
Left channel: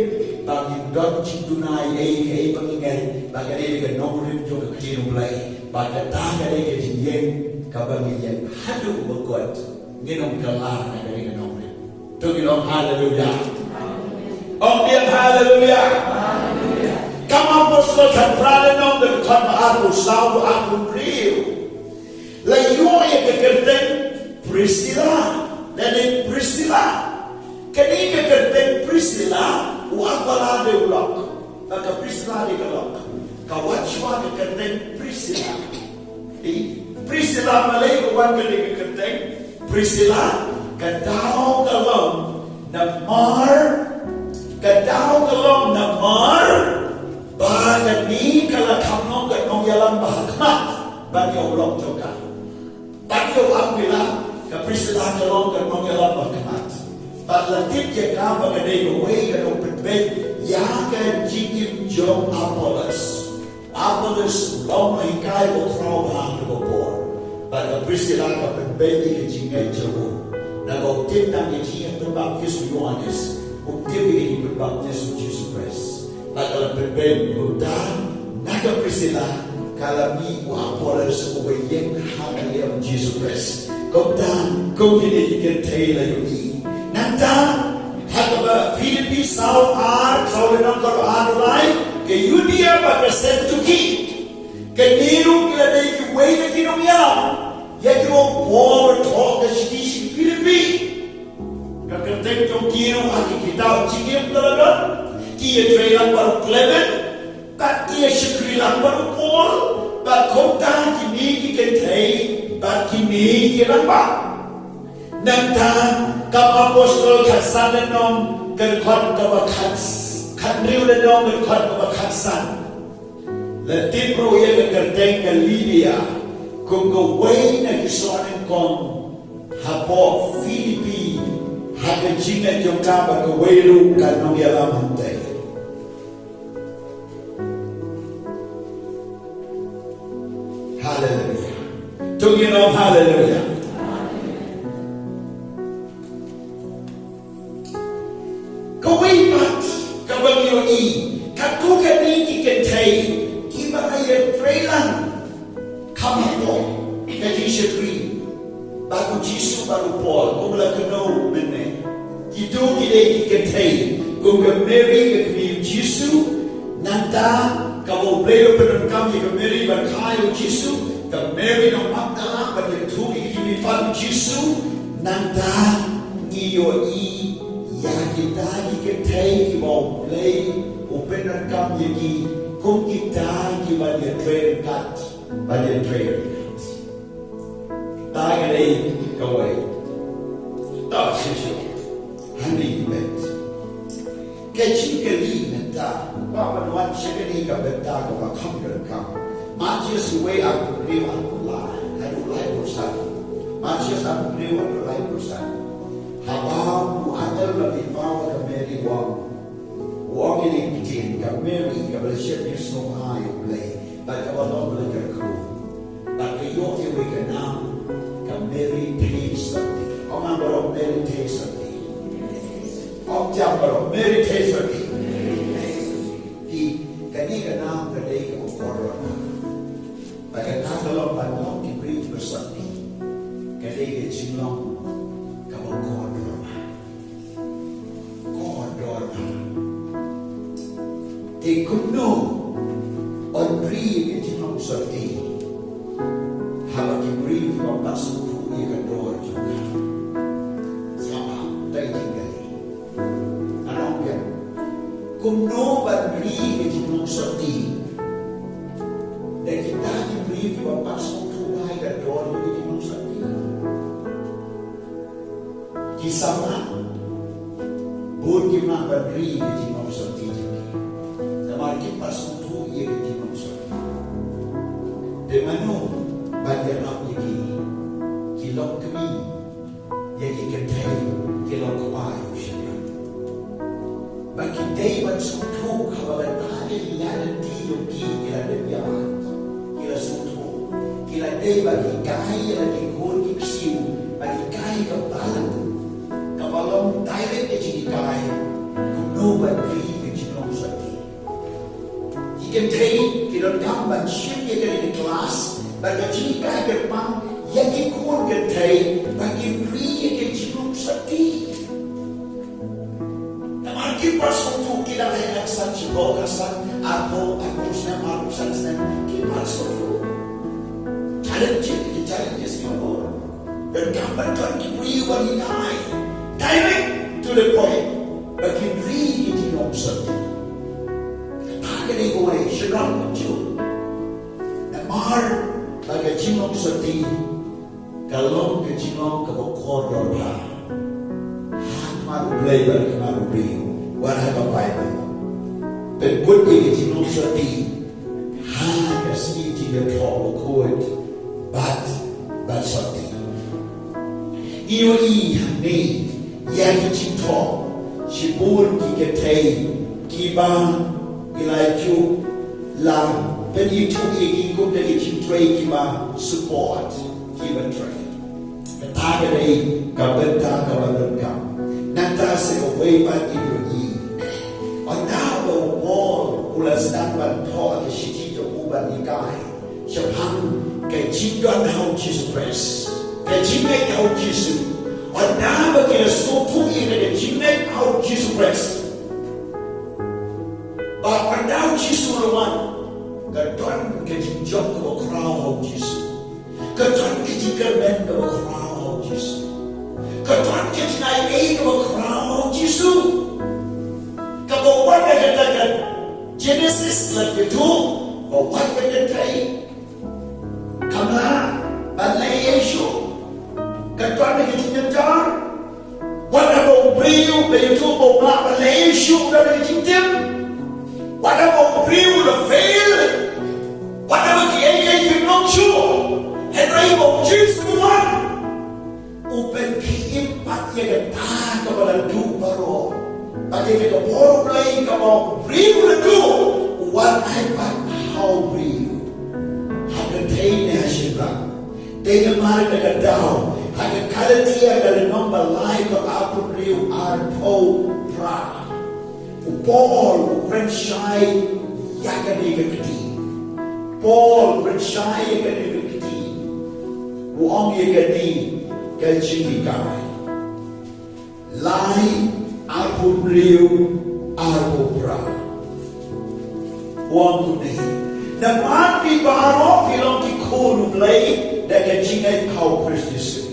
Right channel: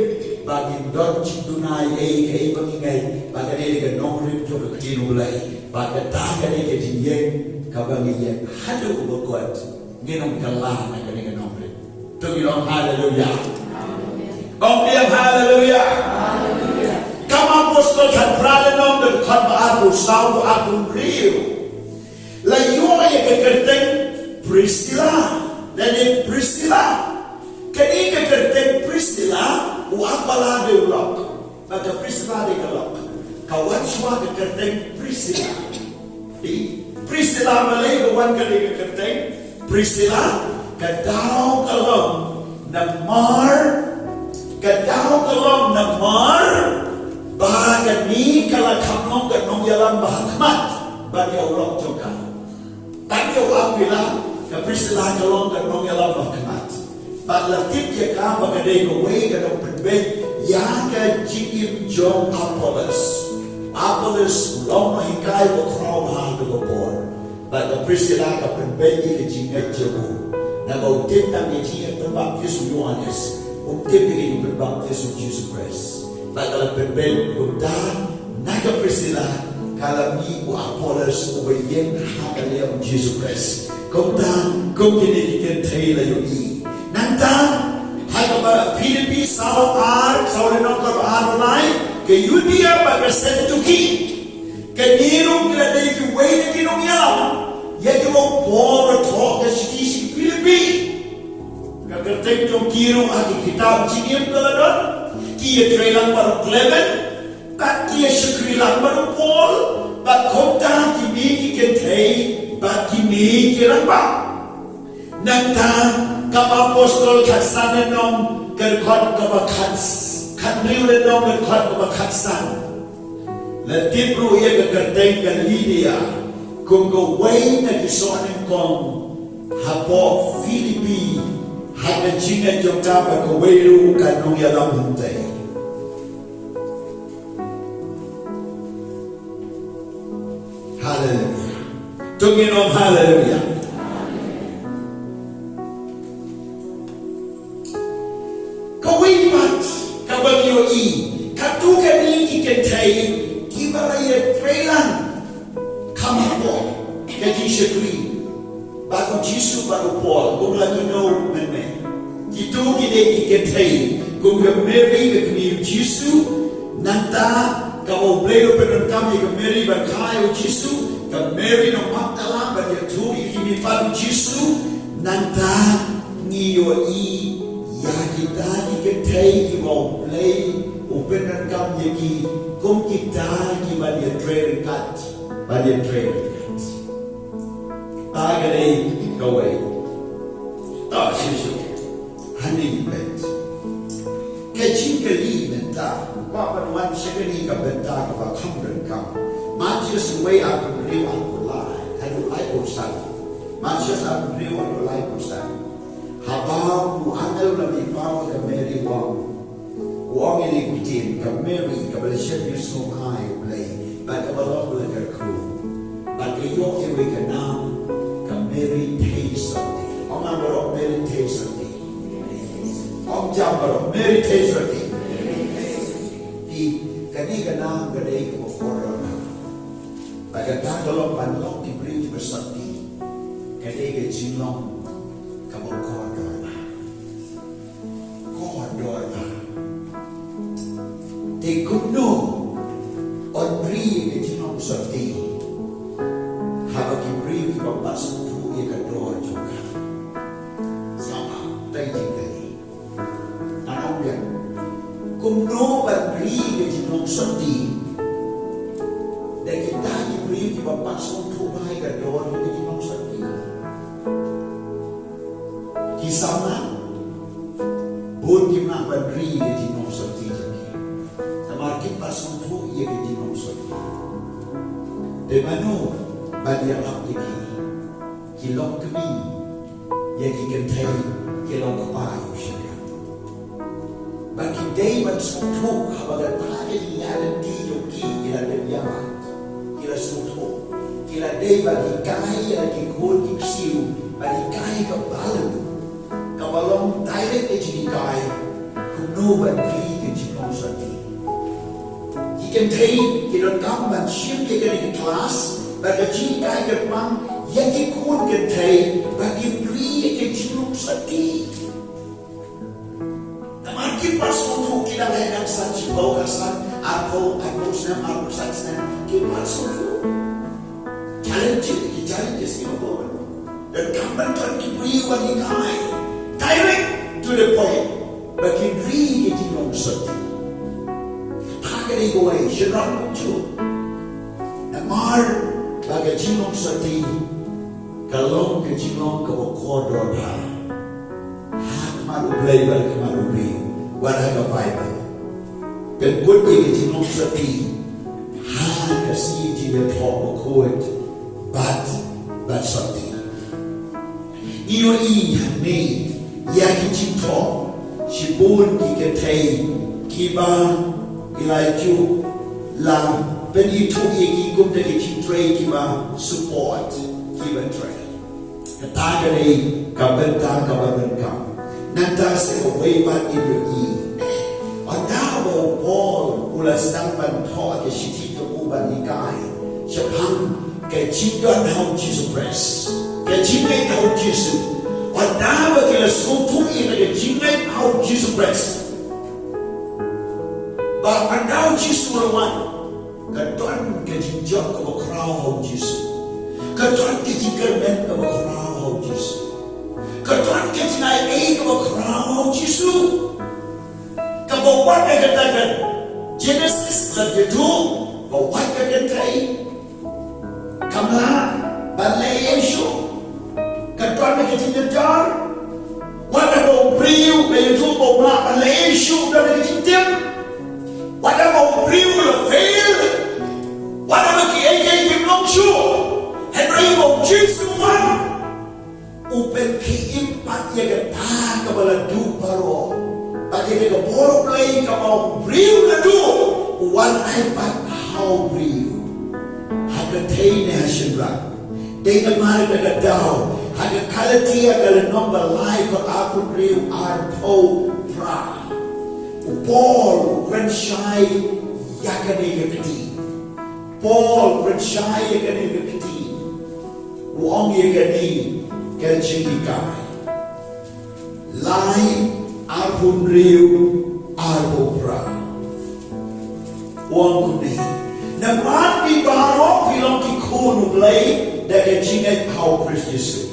bagi dot JANAI ke pengingat, bagi dia ke Nong Mait juga kecil U Blei. Bagi tahanan ini ketinggian kabangnya hadu berkuat nginum kalah dengan Nong Mait. Tunggu haleluya. Om biang haleluya. Kamu apostol terang nong dekat aku saud aku beliau. Layu yang kekerten peristiwa dan peristiwa. Kini kekerten peristiwa uapala de ulok. Maka peristiwa de ulok. Kawan cuma kekerten peristiwa. Peristiwa Malay kawan kekerten peristiwa kadau kalom namar bahagian ni kalau KUMNO ke Nongialap bahakmat bagi Allah juga. Bagi Allah bila ke peristiwa kalom ke Nongialap bahakmat. Balatip je KABA kadai kawai kadang berbed yang ke jingim jong Apollos long hikai Khongkrom bahang berpor. Bagi peristiwa ke berbed ke jingim jong. Nagau tim nang dijingat berbaptis Yohanes. Tim begini berbaptis Yesus Kristus. Kalau berbeda hutan, naga peristiwa kalau ni Apollos ubayeng hakalia Yesus Kristus. Kautan kau kini Kynthei layuni. Nanta hakaba Filipi Saul nongkar lain ke Yudea bagi sentuki ke niru kila dari kuway na Nongialap. Ya kimo Paul talk ke sisi Filipi. Kakenteng jom kiru aki kitab jingim kaladon. Kia trailang baru Clement, bat kia Shakri lang baru Paul, bat kota kimi Kynthei, bat kimi kirang bak. Nangta kam apostol katsan nong kerkot kabakat, kanriu nong kerkot kabakatsan. Latipro ia kakenteng ke Lydia, kung gaway na kisuanin kong hapoh Filipi, Haka Jing jong KABA kawairu ka Nongialap hintay. Hallelujah. Tungin hallelujah. Kawaipat kabangyo katukan ni Kynthei gimana ya trailan KUMNO jingshakri baru Jisu baru Paul kumla keno mene itu gide Kynthei kumga Mary ke Jisu nanta kamu beliau penon kami ke Mary berkayu Jisu ke Mary no Magdala bagi tuli kini baru Jisu nanta ngiyo ya kita Kynthei ki mau Blei upenon kami ki kum kita ki bagi trail cut bagi trail Tagai kawai, tak sesuatu, handing bet. Kecil kali mentah, bapa nuan sekali kebentar kepada kamran kam. Macias way aku beliau aku lai, aku lai bosan. Macias aku beliau aku lai bosan. Habang muanal lebih mau ke Mary Wang ini kucing ke Mary ke bersiap Yesus U Blei, bagi Allah belajar kru, bagi yok yang berkenal. Meditation. Orang baru meditation. Orang jam baru meditation. Di kini kenal kedai ke kordor. Bagata kalau banyak diberi bersakti, kadai ke jinglong kamu kordor, kordor. Di KUMNO on beri ke jinglong bersakti, habis diberi bapak semua ia kordor juga. Sama, tak tinggal. Anak dia, KUMNO beri ke jinglong bersakti. Dan kita diberi bapak semua baik kordor jadi jinglong bersakti. Kisah buat kita beri ke jinglong bersakti. Kamar kita semua ia ke jinglong bersakti. Dan mana BIANG lagi kilok kami yang Kynthei kilok kepayu syarikat. Bagi Dewan Sutu habaga tadi yang diyoki kila debiaman kila sutu kila Dewan ikai lagi kul iksiu bagi kai kebalan kabalong direct ejinikai KUMNO beri ke jinglong bersakti. Kynthei kilok gambar syiem yang di kelas bagi jika gerbang yang ikut Kynthei bagi beri ke jinglong bersakti. Makin pas untuk kita hendak sanji bawa kesan hapoh senang kita pas untuk challenge kita bawa dan gambar Tuhan diberi bagi kami direct to the point bagi beri ke jinglong bersakti. Tak ada gue serang muncul namar bagi jinglong bersakti kalau ke jinglong ke kordor bah U Blei bagi U Blei warga Bible dan kunci jinglong bersakti hanya sini dia tahu kuat bat sakti ini yang cinta sibun Kynthei KABA ilaju lang penitu yang ikut dari Kynthei KABA support Kynthei katakan ini kabentar Nanta sewawan Indonesia. Adawa Paul ulas tampan thor ke shiti to uban nikai. Japang ke jidon hau Jesus Christ. Ke jingai hau Jesus. Adawa ke la skutu ina ke jingai hau Jesus Christ. Ba andau Jesus lawan. Ke tuan ke jinjok ko krau hau Jesus. Ke tuan ke jikerben ko krau hau Jesus. Ketuan KABA keberkau Yesus. Kebawan yang katakan Genesis lebih itu bawan yang Kynthei kamla balai Yesus. Ketuan yang ketiga wada mau beriu itu bawa balai Yesus dan ketiga wada mau beriu le fail wada bagi ayat jinglong su Henry mau Yesus one Upen keempat yang kata kepada du baru bagi kita baru play kamu beriu ledu one iPad how beriu Haka Jing Shakri dengan mana kita tahu Haka kalatia kalau nombor lain kalau aku beriu hapoh pra Paul kren syai yang kena keti Paul kren syai yang kena keti Wong yang kena Kecilikai Lai Arpun Riu Arpun Pra Wang Kuni Naman di barok bilang di U Blei dan kecilai kau Kristus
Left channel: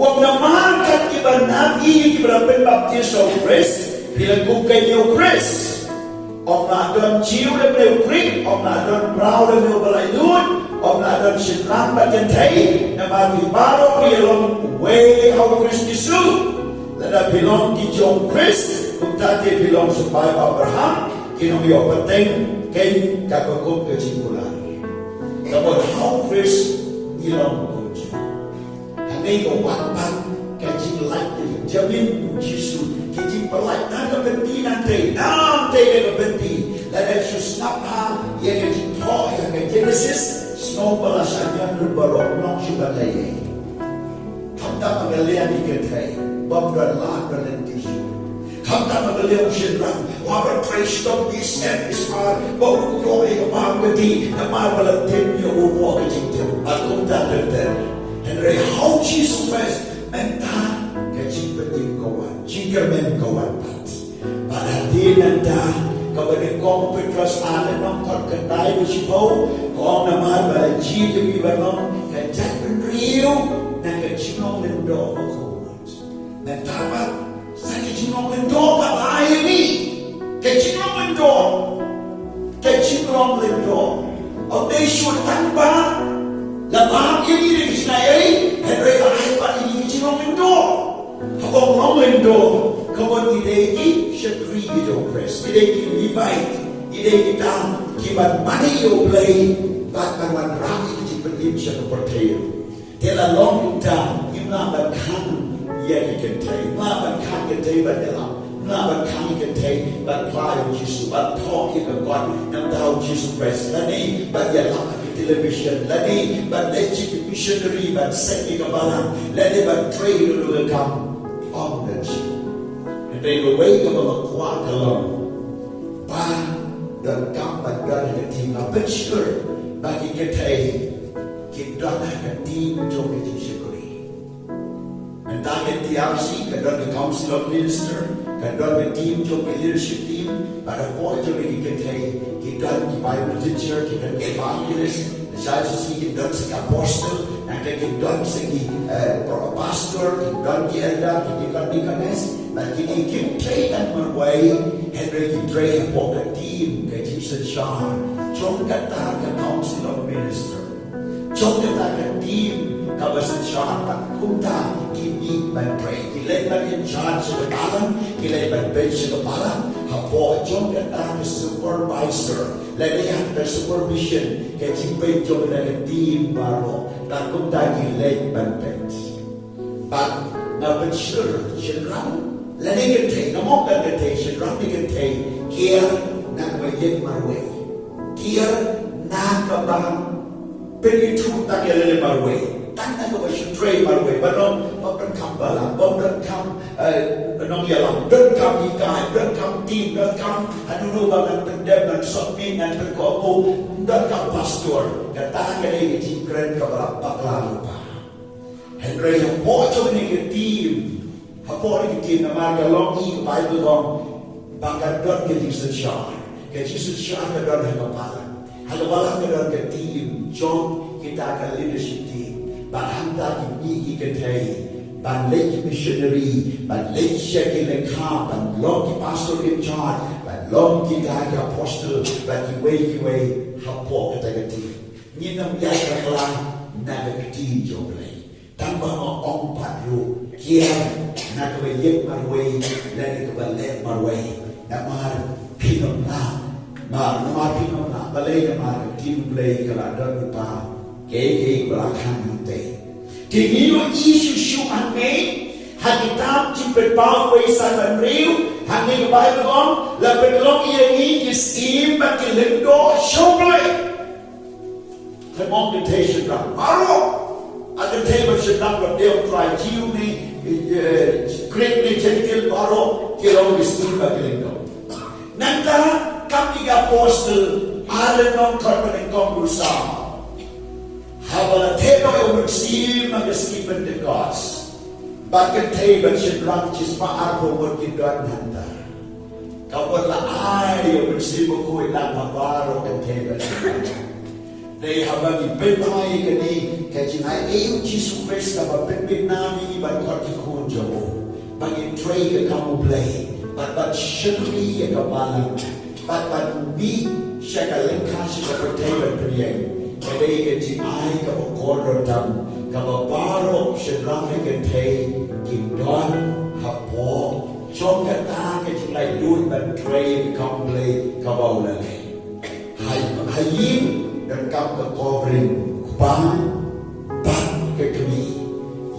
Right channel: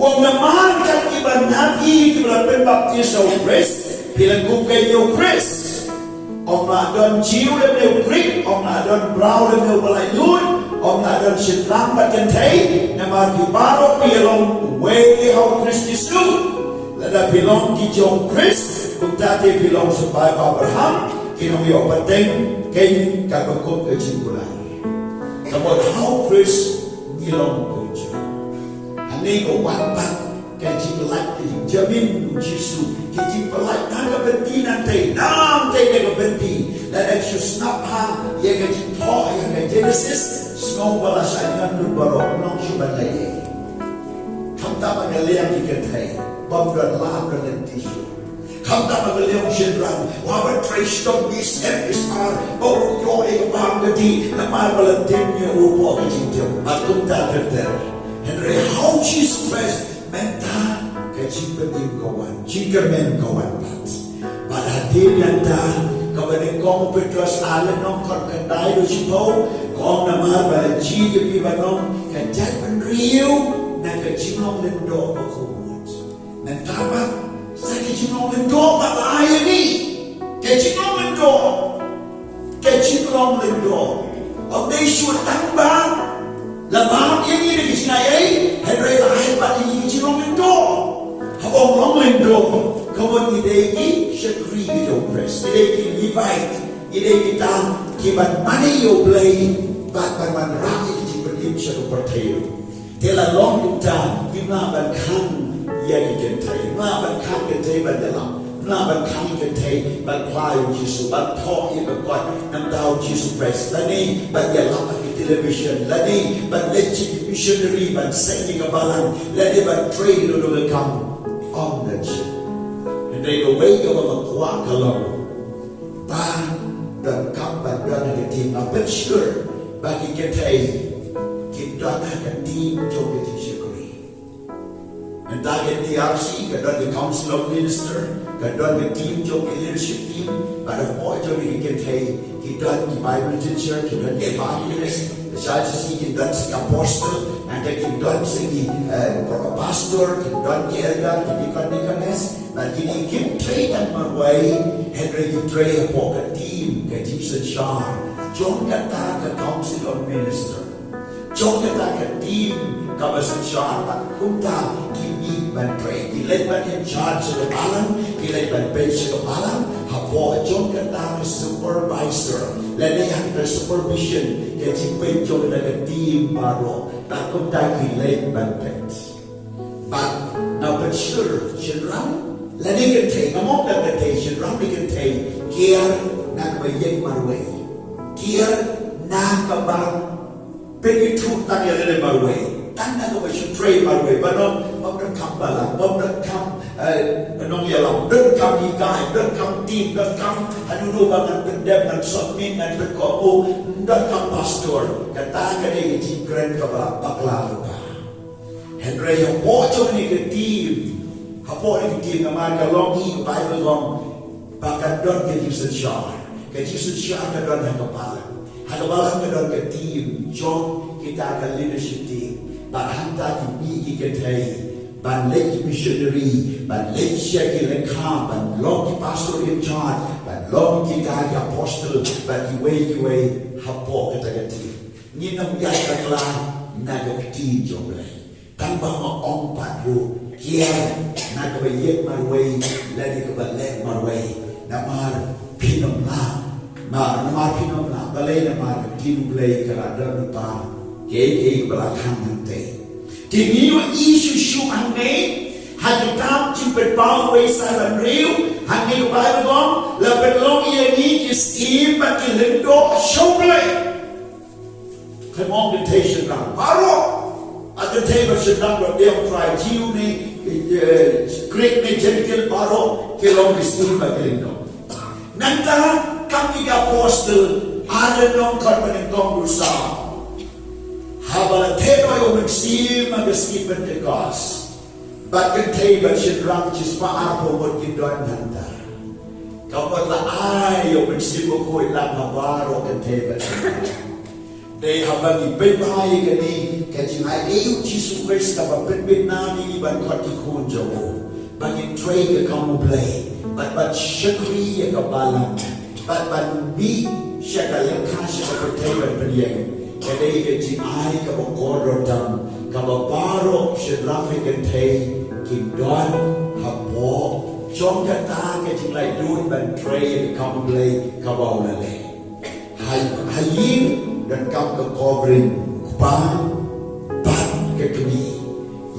Wang naman kan iba nabi iba penbaptis au Kristus bilang bukai au Kristus Om nadon jiu dan au Kristus Om nadon brau dan au Balaidun Om nadon Syrtap dan Kynthei naman di barok bilang way au Kristus lada bilang di JONG Kristus kung tadi bilang supaya Abraham kinong iyo pateng kayo kakakot kecimpulan kapag how Kristus nilang kunci hanay ko wakpat kecimpulan jamin Yesus kecimpulan nagabentinan tayo nam tayo nagabenti dan Yesus napha yang kecimpo yang Genesis Snong balasan yang barok nong syubalay Hamta magalian ni Kynthei Bamdan lahat ng tisu Come down the Leon Shindran, Wabba Trace of this and this are, Bob Roy Bangadi, the Marble Timmy who walked into Akumta there. Henry, how Jesus Christ, Menta, Kajipin Gowan, Jinkerman Gowan, but Hadin and Dan, Governing Gong Petras Island, Nong Kordai, which go, Gong Naman, but a G to be along, can Japan Rio, Nakajinong and Dog of Cold. Mentapa. Sa kichinong lindo patay ni. Kichinong lindo. Kichinong lindo. O day sultan ba? Lamang ini rin isnayay. Henry lahay pa ini kichinong lindo. Habang long lindo. Kamon iday ki Shakri video press. Iday ki Levite. Iday kita kiban mani U Blei. Bakban wan rami kichipan siya kaportayo. Tela long kita yunaban kan Yagi Kynthei, Ban Kan Kynthei Ban Yalam, Ban Kan Kynthei Ban Plai Jesus, Ban Talk in the God, Nam Dao Jesus Christ, Lani Ban Yalam television, Lani Ban Legit missionary, Ban Sending a Balang, Lani Ban Trade to come on that ship. And they go wake up on a quack alone. Ban the come Ban Done the team, a bit sure, Bagi Kynthei, Kidana Kadim Jogi Shakri. And target TRC, kadang the Council of Minister, kadang the team, the leadership team, but a boy jogi Kynthei, kadang the Bible teacher, kadang the evangelist, the SHAH, kadang the apostle, and kadang the pastor, kadang the elder, kadang the deaconess, but ini Kynthei and Marway, Henry Kynthei hapoh team, kadang SHAH, JONG kata the Council of Minister, JONG kata the team. KABA SHAH, Kumta, Kimi, Ban Pray, Kilay Ban in charge of the balang, Kilay Ban bench of the balang, hapoh, JONG kata the supervisor, Lanayan the supervision, Getting paid JONG the team baro, that Kumta Kilay Ban bench. But now, but sure, Shinram, Lanayan take, among that take, Shinram, we can take, Kier, Nakabayek Marway, Kier, Nakabang, Penitru Tagalan Marway. Tangan ko ba siya pray marway ba no? Pagkakam balang, pagkakam Nongialap, pagkakam ikay, pagkakam team, pagkakam ano ba ng pendem, ng submit, ng pagkako, pagkakam pastor, katahan ka rin itin kren ka ba, baklalo pa. Henry, hapoh ito ni ka team, hapoh ni ka team na magalongi, Bible kong, bakadon ka Jesus SHAH, ka Jesus SHAH ka doon hagapalan. Hagapalan ka doon ka team, JONG kita ka leadership team. Ban hanta kimi Kynthei, ban late missionary, ban late Shakri ban long pastor in charge, ban long kita apostle, ban kiway hapoh katagati. Ninong gas kaklang nagati U Blei. Tambah maong padu, kia nagabayek marway, lagi kabalek marway, namar pinom na, namar pinom na, balay namar U Blei kaladang upang. Kaya belakang nanti. Tingin mo isu ang may hakitam cipet bawah sa Riu, hanggang Bible on, laban long ini kisim bagi lendo shoblay. Kemong temptation ram. Baru ada table sedang berdeo try jiu ni, Greek ni jengkel baru kilong kisim bagi lendo. Nanta kami apostle ada nong korban kongrusa. Habala teno yung nagsilim ang gaskipan ni Diyos. Bakit tayo ba siya drang chis maapo mo kindoan handa? Kapag laay yung nagsilim ko ilang mabaro kan tayo ba siya drang. Dahil habang ibibay ka ni kajinay yung Jesus Christ na mapitbit nani ban kwati kunjo mo. Bagin tray ka kamu blay. Bat Shakri ka balang. Bat mi siya ka lengkas siya sa pertayan paniyang. Kaya JANAI ka kordor tam, kababaro siya Kynthei, kindon, hapoh, JONG kata ka jinglay doon ban tray ka Blei kabawlale. Hayin dan kam ka covering kupang, ban ka kami,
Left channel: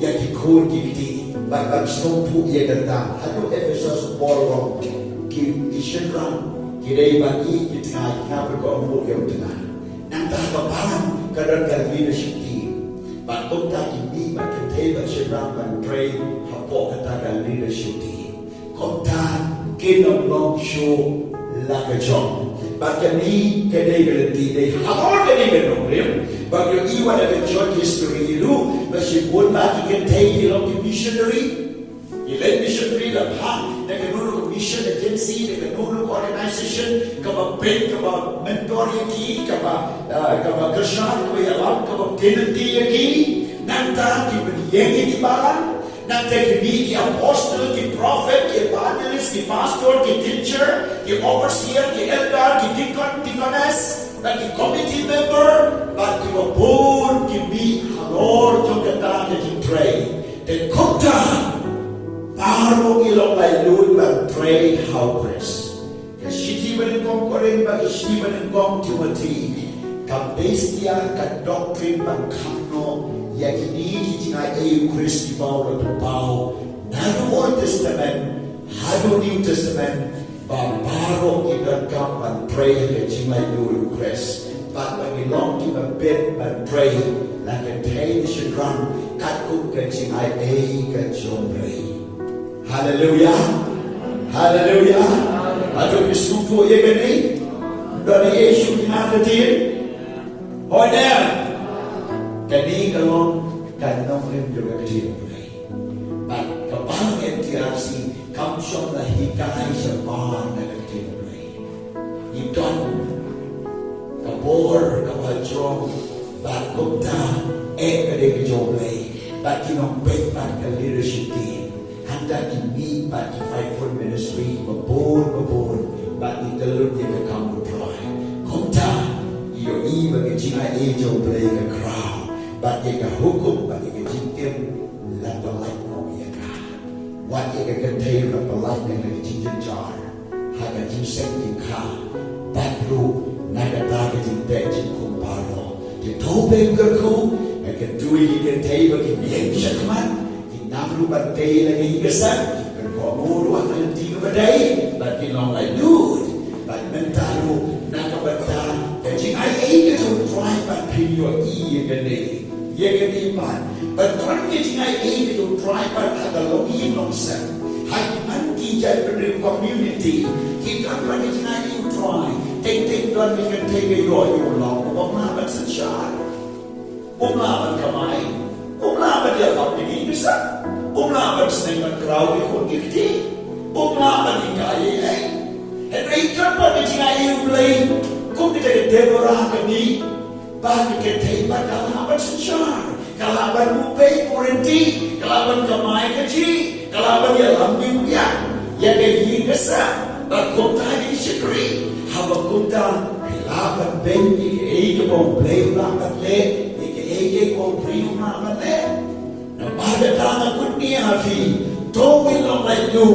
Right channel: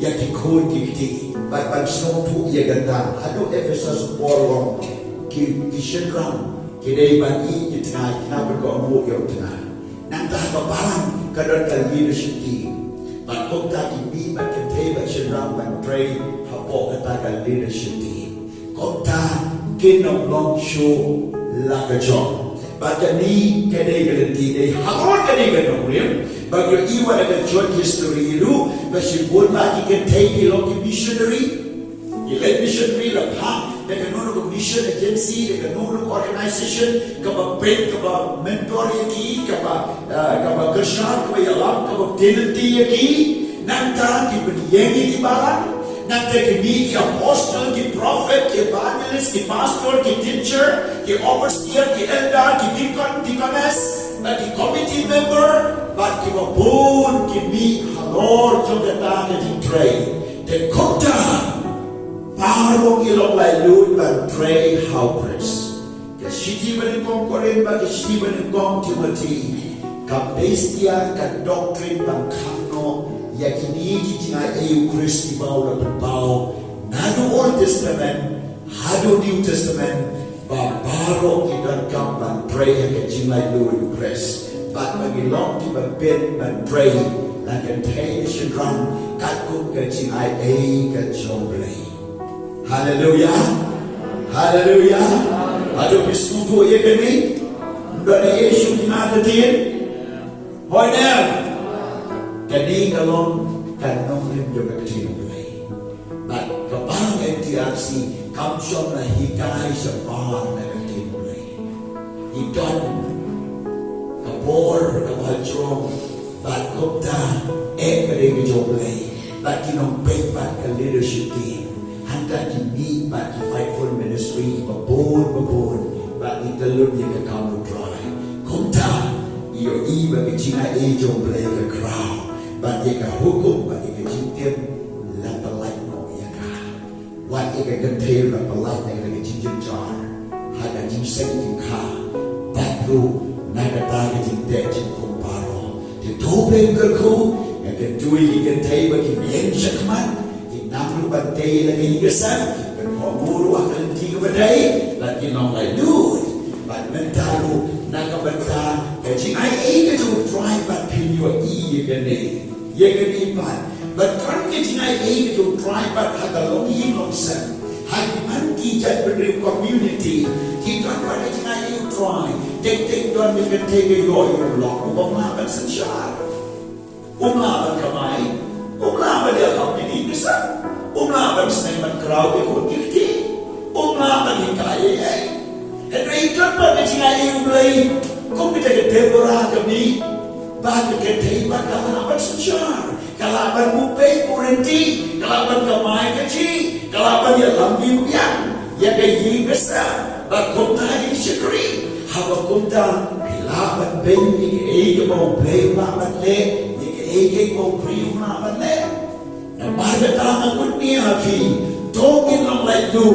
yaki kun kikti, ban sompu iya ganda, ado Ephesus borong, kisyenram, kidai ban i kitinay, kenapa ko amuk yaw tinay. Nantah kepalang kadang leadership team. Ban kota ini ban Kynthei ban Syrtap ban pray hapoh kata leadership team. Kota kinong long show lakajong. Baca ni kedai garanti dai hamor kedai ganong rim. Baca iwan ada church history itu masih boleh kita take long missionary. Ilay missionary la ha dengan nulu mission agency dengan nulu organization kaba pen kaba mentor yaki kaba kerja kaba yalam kaba tenancy yaki nanta ki penyengi ki balang nanta ki ni ki apostle ki prophet ki evangelist ki pastor ki teacher ki overseer ki elder ki deaconess ki committee member ki wabun ki mi halor jogata ki tray de kota Parong ilong laylun ban pray helpers. Kasiti man kong korin ba kasiti man kong Timothy. Kabestia ka doctrine ban KUMNO yakini kitinga ayu Kristi bao na pao. Nado Old Testament, hado New Testament, ba parong iban kam ban pray yakini laylun Chris. But when we long to ban bed ban pray, like a television drum, katkung kitinga ayu ka JONG Blei. Hallelujah. Hallelujah. Aduh biskupu ya gani. Bani Yesus dimatatin. Hoi dan. Jadi kalau kanong lim juga kecil mulai. But kebalang MTRC kamsyon lah hikai sebar na kecil mulai. Idon kabor kabalchong but kumta kadang JONG Blei. But kinong pekpat ka leadership team. Handa ini but the faithful ministry babon but the telur dia ke kamu dry. Kumta iyo iba ke Cina JONG Blei ke crowd but dia ke hukum but dia ke jingkem lapalai no ya ka. Wat dia ke Kynthei lapalai yang ke jingkem jar. Haka Jing Shakri ka batru nagata ke jingte jingkum paro. Dia tobeng ke ku ke dui Kynthei ke BIANG syakman. Namru bagai lagi besar, berkomuru akan tiga badai, lagi nong layu, bad mentaru nak bertan, kecing ai keju try bad pinyo ye gani bad, bertan kecing ai keju try bad ada longi nongsen, hai manti jad beri community, kita pada kecing ai try, tek don dengan tege yo long, umlah bersensyar, umlah berkamai, umlah berdia ini besar. Umlah bersenang crowd ikut dikti. Umlah berhikai Henry kenapa kecing U Blei? Kau kita ke Deborah kami. Bagi Kynthei kalau bersejar. Kalau bermupai kurenti. Kalau berkamai kecil. Kalau berlambi uyan. Ya kayi besar. Berkumta Haka Shakri. Haba kumta. Hilaban bengi. Ege mau Blei ulaban le. Ege mau Blei ulaban le. Pada tangan dunia fi, dongin long layu,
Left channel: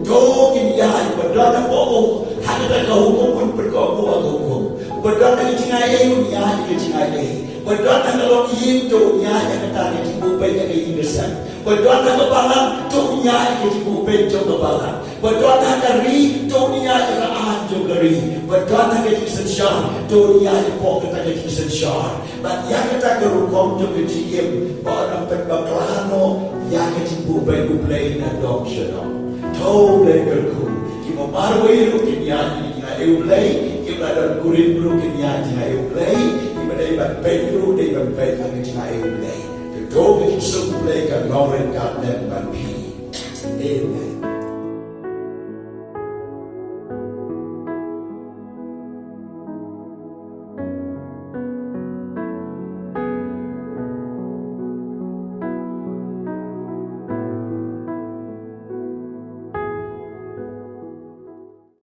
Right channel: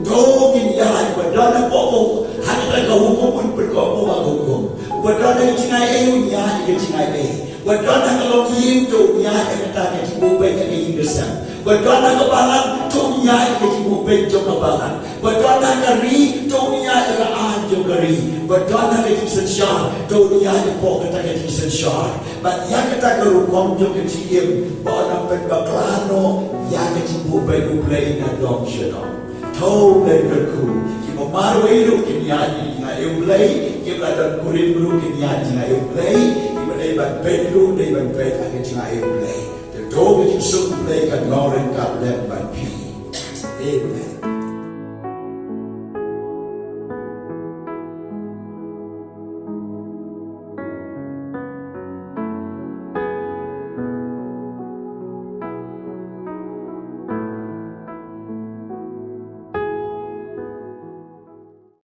dongin yai, berdana bobo, hanya kau hukum berkamu hukum, berdana Cina ayun yai ke Cina ayun, berdana kalau itu yai kata ke cipu baik ke Inggrisan, berdana ke balang tu yai ke cipu baik jom balang, berdana ke ri tu yai ke anjung keri, berdana ke SHAH tu yai ke pok kata ke SHAH. But yang kita kerukom juga cium, orang penbaklano yang kecipu U Blei na Nongbishar. Tahu Blei berku, kita baru itu kinyanyi na U Blei, kita ada kurin dulu kinyanyi na U Blei, kita dapat pedru, dapat pedru na U Blei. Tahu kita semua Blei kan orang kat dan banpi. Amen.